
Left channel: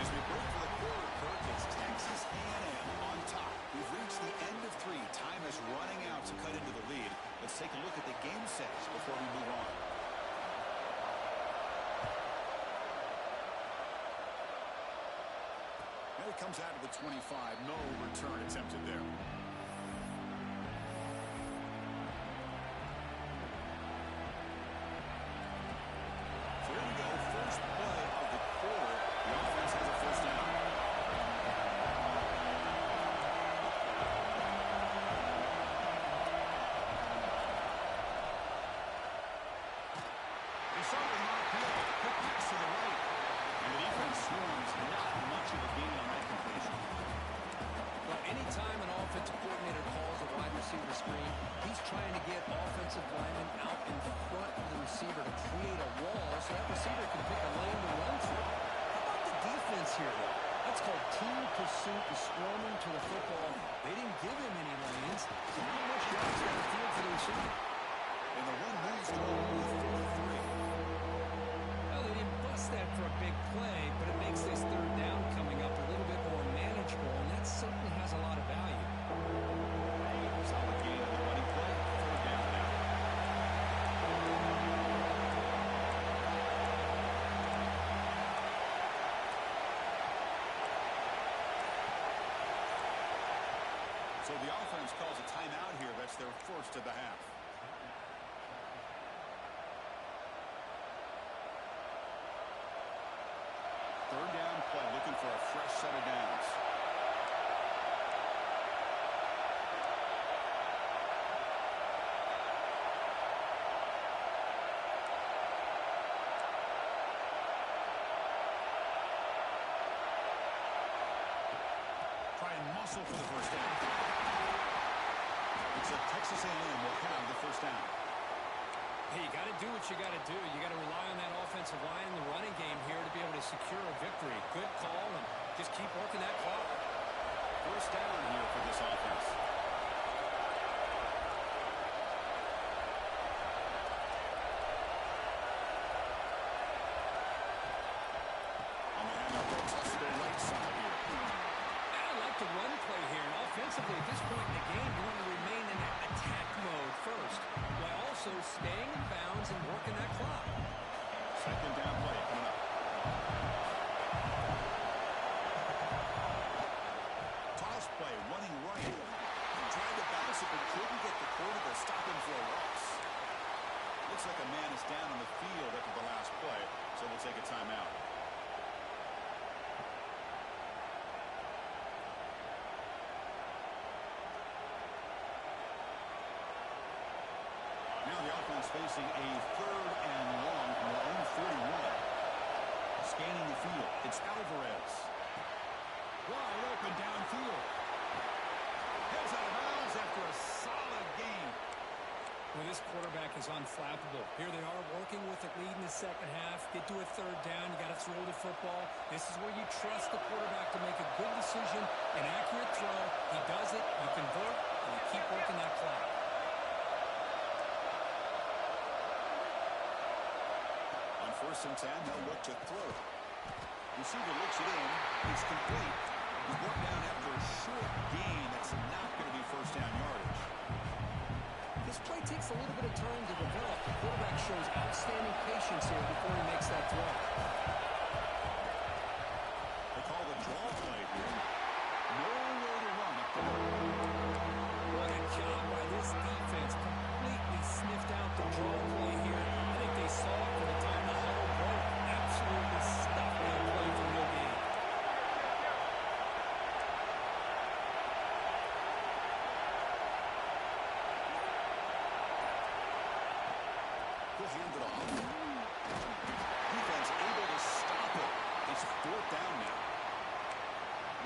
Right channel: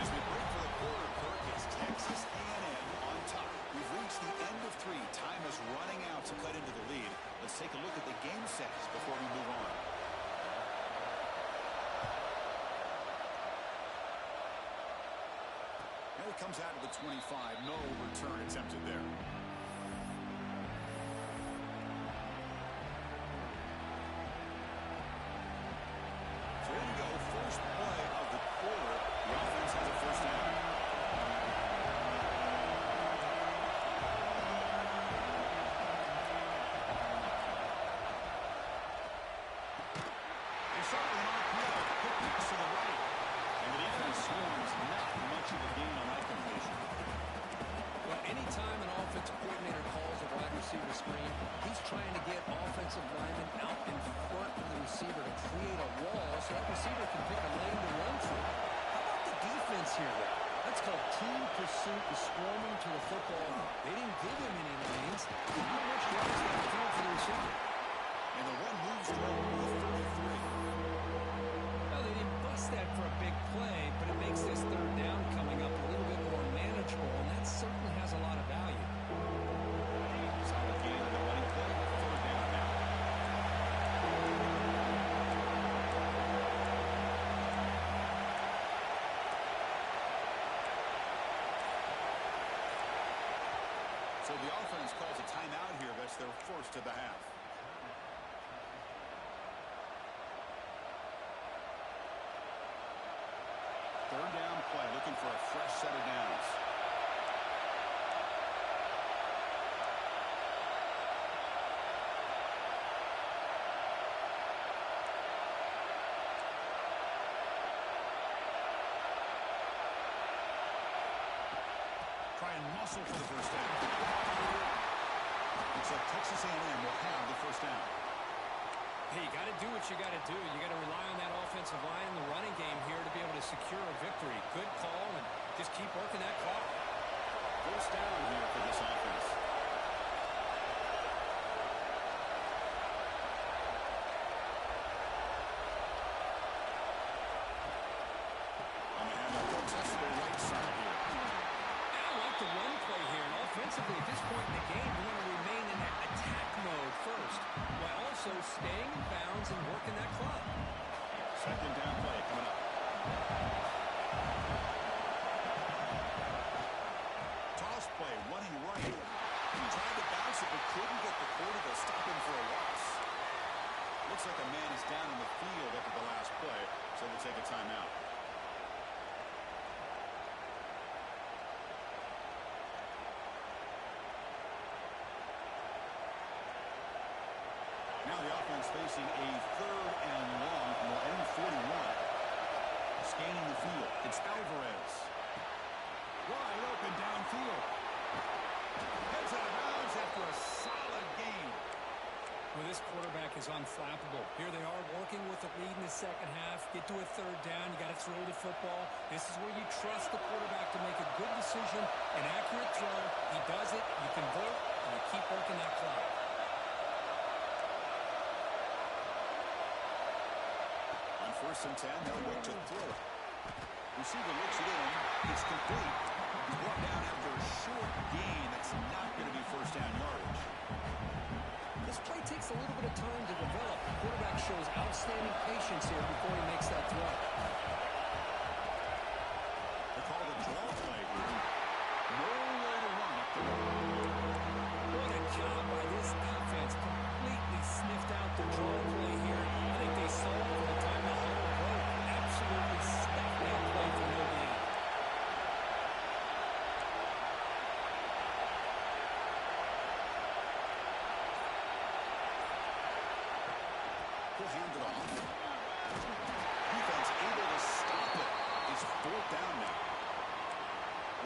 As we break for the quarter, Kirk, it's Texas A&M on top. We've reached the end of 3. Time is running out to cut into the lead. Let's take a look at the game sets before we move on. And it comes out to the 25. No return attempted there. So here we go. First play of the quarter. The offense has a first down. They start with an RPO. Quick pass to the right. And the defense swarms, not much of a gain on that completion. Well, anytime an offensive coordinator calls a wide receiver screen, he's trying to get offensive linemen out in front of the receiver to create a wall so that receiver can pick a lane to run through. How about the defense here, though? That's called team pursuit and swarming to the football. They didn't give him any lanes. Not much yards downfield for the receiver. And the run moves through with 33. Well, they didn't bust that for a big play, but it makes this third down coming up a little bit more manageable, and that certainly has a lot of value. Solid gain on the running play. Third down now. So the offense calls a timeout here. That's their first of the half. Third down play, looking for a fresh set of downs. Try and muscle for the first down. Looks like Texas A&M will have the first down. Hey, you got to do what you got to do. You got to rely on that offensive line in the running game here to be able to secure a victory. Good call, and just keep working that clock. First down here for this offense. On the handoff, they'll test the right side here. I like the run play here, and offensively at this point in the game, you want to remain in that attack mode first, while also staying in bounds and working that clock. Second down play coming up. Toss play, running right. He tried to bounce it, but couldn't get the quarter to stop him for a loss. Looks like a man is down on the field after the last play, so we'll take a timeout. Now the offense facing a third and long from their own 41. Scanning the field, it's Alvarez. Wide open downfield. Heads out of bounds after a solid gain. Well, this quarterback is unflappable. Here they are working with the lead in the second half. Get to a third down. You got to throw the football. This is where you trust the quarterback to make a good decision, an accurate throw. He does it. You convert, and you keep working that clock. On 1st and 10, they'll look to throw it. Receiver looks it in. It's complete. He's brought down after a short gain. That's not going to be first down yardage. This play takes a little bit of time to develop. The quarterback shows outstanding patience here before he makes that throw. They call the draw play here. Nowhere to run up the middle. What a job by this defense. Completely sniffed out the draw play here. I think they saw it from the time the huddle broke. Absolutely stuffed that play for no gain. He'll hand it off. Defense able to stop it. It's fourth down now.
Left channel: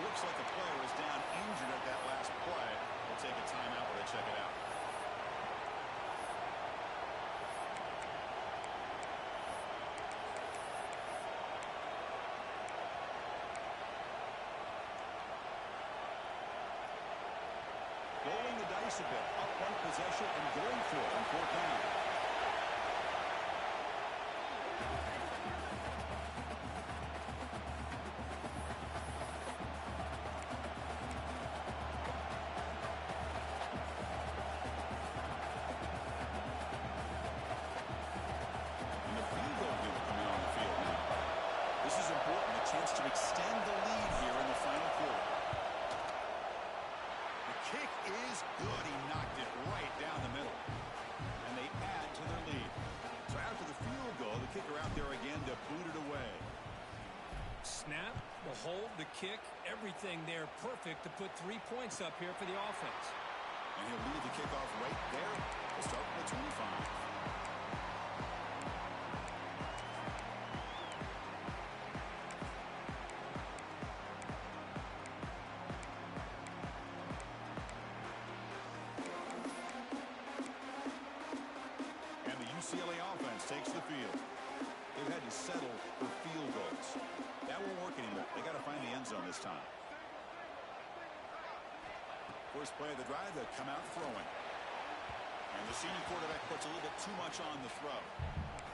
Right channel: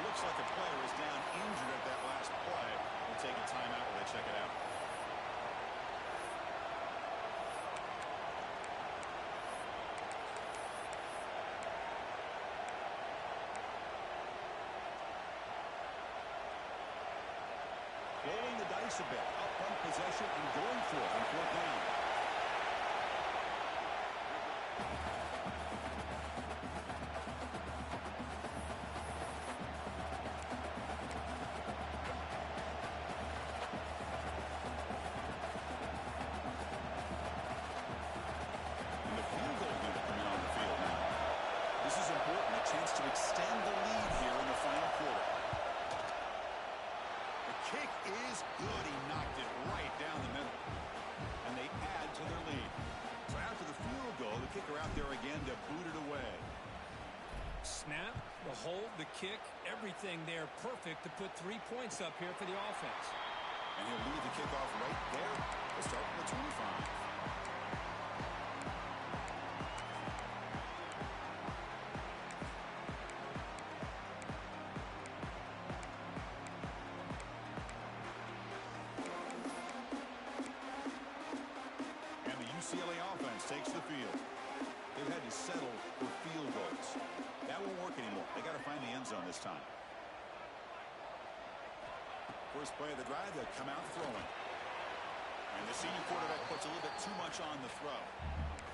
Looks like a player is down injured at that last play. We'll take a timeout while they check it out. Rolling the dice a bit. Up one possession and going for it on fourth down. And the field goal unit coming on the field now. This is important. A chance to extend the lead here in the final quarter. The kick is good. He knocked it right down the middle. And they add to their lead. So after the field goal, the kicker out there again to boot it away. Snap, the hold, the kick, everything there perfect to put 3 points up here for the offense. And he'll lead the kickoff right there. We'll start from the 25. UCLA offense takes the field. They've had to settle for field goals. That won't work anymore. They got to find the end zone this time. First play of the drive, they'll come out throwing. And the senior quarterback puts a little bit too much on the throw.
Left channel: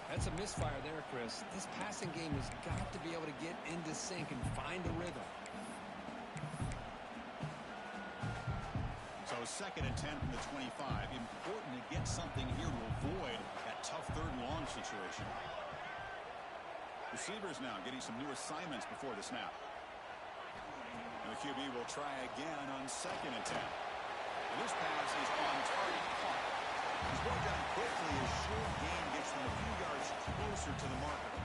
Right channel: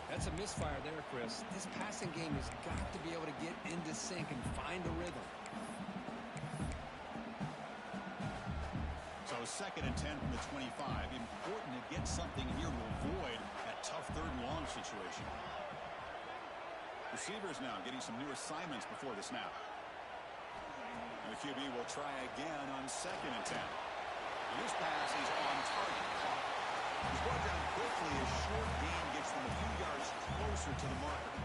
That's a misfire there, Chris. This passing game has got to be able to get into sync and find a rhythm. So 2nd and 10 from the 25. Important to get something here to avoid that tough 3rd and long situation. Receivers now getting some new assignments before the snap. And the QB will try again on 2nd and 10. And this pass is on target. Caught. He's brought down quickly as short gain gets them a few yards closer to the marker.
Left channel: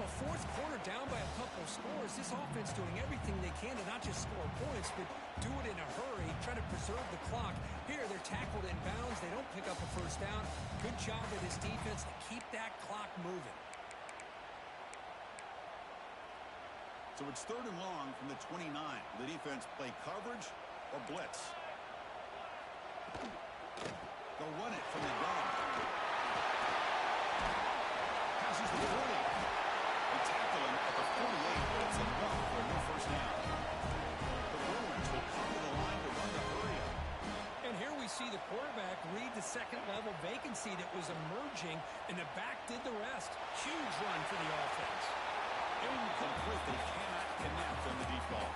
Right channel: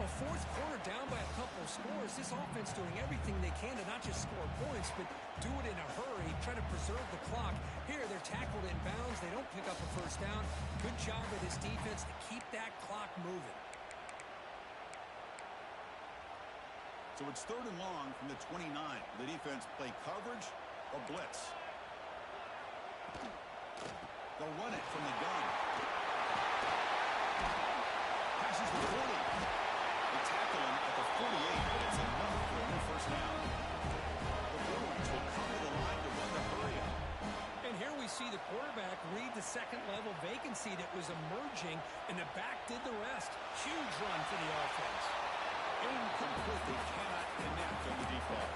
Well, 4th quarter down by a couple of scores. This offense doing everything they can to not just score points, but do it in a hurry, try to preserve the clock. Here, they're tackled in bounds. They don't pick up a first down. Good job by this defense to keep that clock moving. So it's 3rd and long from the 29. The defense play coverage or blitz. They'll run it from the gun. Passes the 40. They tackle him at the 48, but it's enough for a new first down. The Bruins will come to the line to run the hurry up. And here we see the quarterback read the second-level vacancy that was emerging, and the back did the rest. Huge run for the offense. Incomplete. They cannot connect on the deep ball.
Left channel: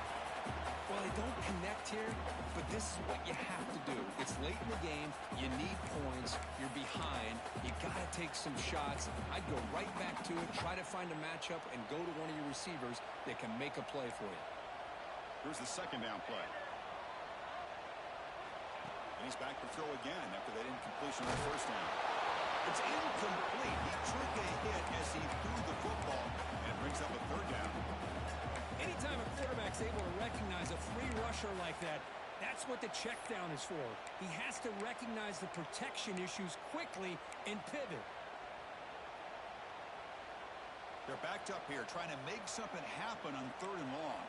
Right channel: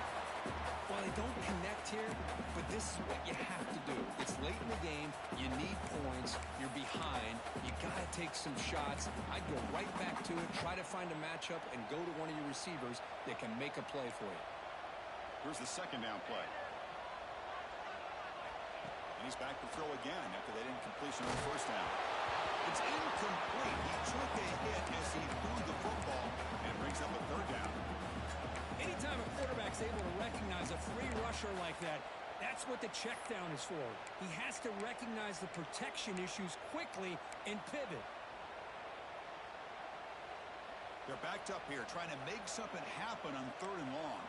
Well, they don't connect here, but this is what you have to do. It's late in the game. You need points. You're behind. You got to take some shots. I'd go right back to it, try to find a matchup, and go to one of your receivers that can make a play for you. Here's the 2nd down play. And he's back to throw again after that incompletion on the first down. It's incomplete. He took a hit as he threw the football, and it brings up a 3rd down. Anytime a quarterback's able to recognize a free rusher like that, that's what the check down is for. He has to recognize the protection issues quickly and pivot. They're backed up here trying to make something happen on 3rd and long.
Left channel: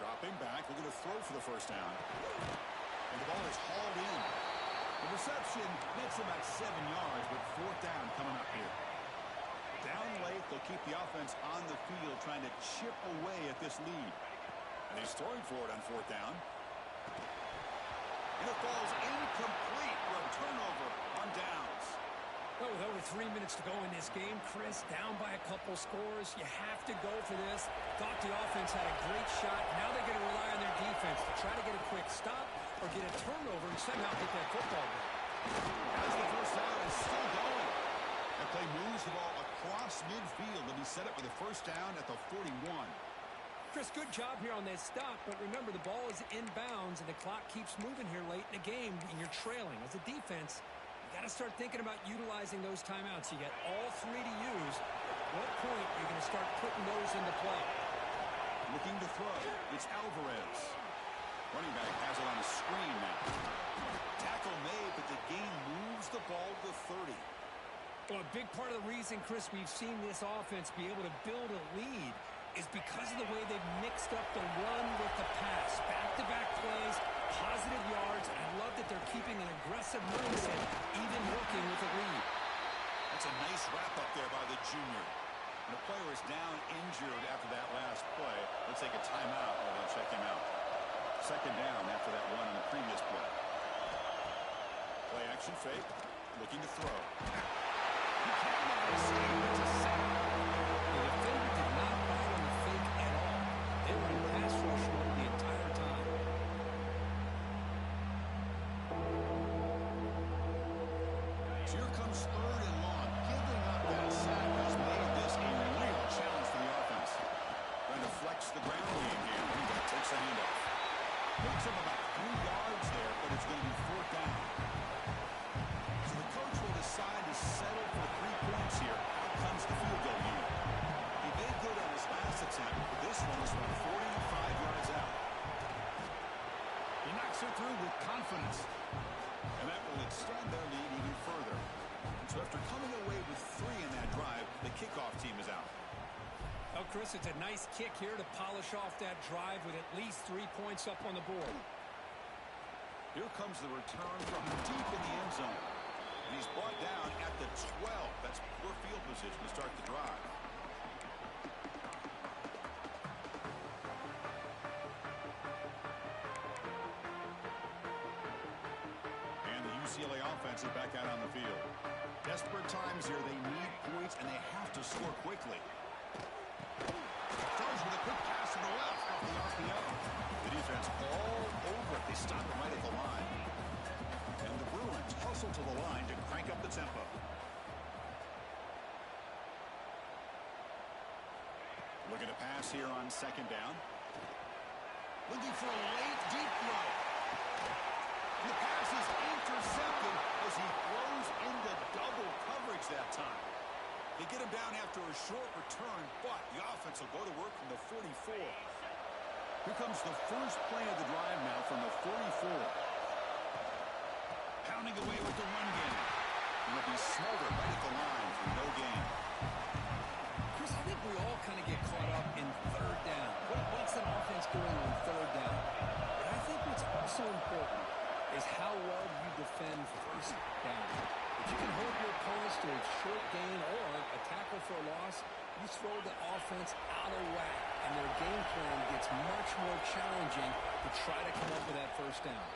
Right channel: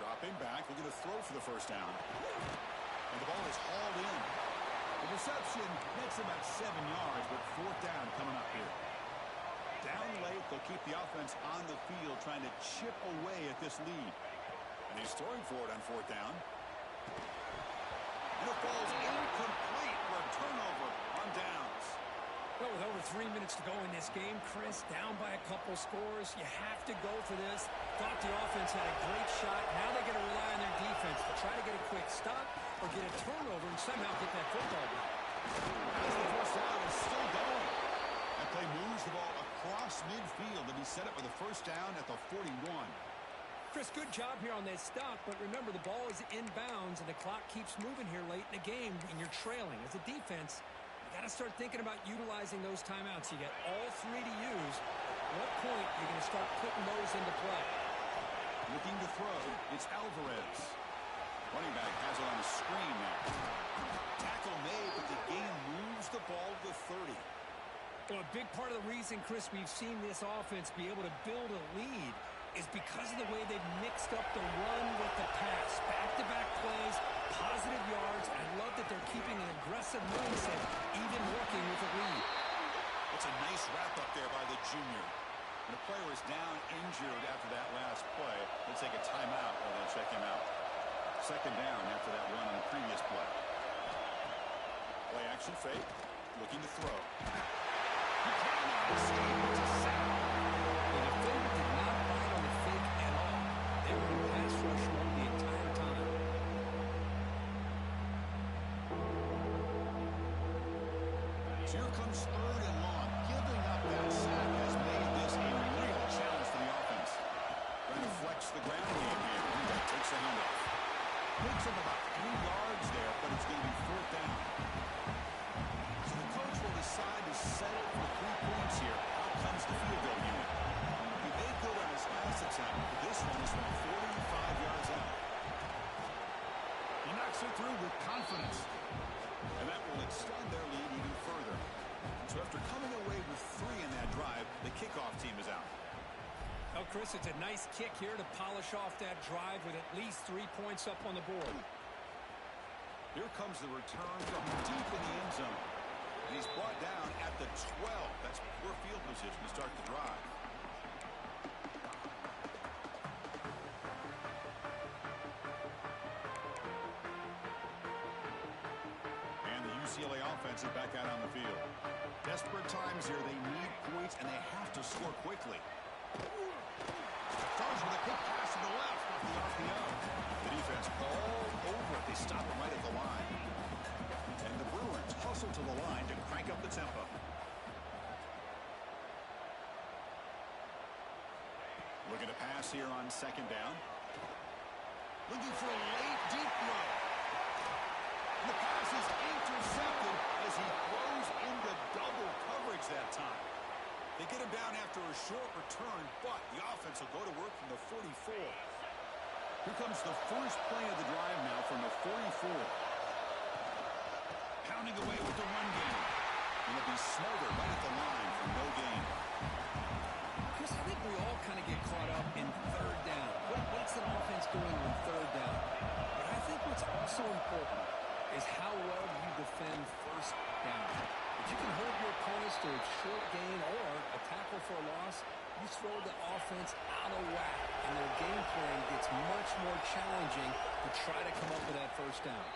Dropping back, looking to throw for the first down. And the ball is hauled in. The reception makes about 7 yards, but 4th down coming up here. Down late, they'll keep the offense on the field trying to chip away at this lead. And he's throwing for it on 4th down. And it falls incomplete for a turnover on downs. Well, with over 3 minutes to go in this game, Chris, down by a couple scores, you have to go for this. Thought the offense had a great shot. Now they're going to rely on their defense to try to get a quick stop or get a turnover and somehow get that football back. As the first down is still going. That play moves the ball across midfield to be set up with a first down at the 41. Chris, good job here on that stop, but remember the ball is inbounds and the clock keeps moving here late in the game and you're trailing. As a defense, you got to start thinking about utilizing those timeouts. You got all 3 to use. At what point you're going to start putting those into play? Looking to throw. It's Alvarez. Running back has it on the screen now. Tackle made, but the game moves the ball to the 30. Well, a big part of the reason, Chris, we've seen this offense be able to build a lead is because of the way they've mixed up the run with the pass. Back-to-back plays, positive yards. I love that they're keeping an aggressive mindset, even working with a lead. That's a nice wrap-up there by the junior. And a player is down injured after that last play. Let's take a timeout while they'll check him out. 2nd down after that run on the previous play. Play action fake. Looking to throw. He cannot escape. It's a sack. The defender did not bite on the fake at all. They were in pass rush mode the entire time. So here comes 3rd and long. Giving up that sack has made this a real challenge for the offense. Trying to flex the ground game here. Running back takes the handoff. Picks up about 3 yards there, but it's going to be 4th down. So the coach will decide to settle for 3 points here. Out comes the field goal unit. He made good on his last attempt, but this one is from 45 yards out. He knocks it through with confidence. And that will extend their lead even further. So after coming away with 3 in that drive, the kickoff team is out. Well, Chris, it's a nice kick here to polish off that drive with at least 3 points up on the board. Here comes the return from deep in the end zone. And he's brought down at the 12. That's poor field position to start the drive. And the UCLA offense is back out on the field. Desperate times here. They need points, and they have to score quickly. Throws with a quick pass to the left off the RPO. The defense all over it. They stop him right at the line. And the Bruins hustle to the line to crank up the tempo. Looking to pass here on second down. Looking for a late deep throw. The pass is intercepted as he throws into double coverage that time. They get him down after a short return, but the offense will go to work from the 44. Here comes the first play of the drive now from the 44. Pounding away with the run game. It'll be Smolder right at the line for no gain. Chris, I think we all kind of get caught up in third down. What's an offense doing on third down? But I think what's also important is how well do you defend first down. If you can hold your opponents to a short gain or a tackle for a loss, you throw the offense out of whack, and their game plan gets much more challenging to try to come up with that first down.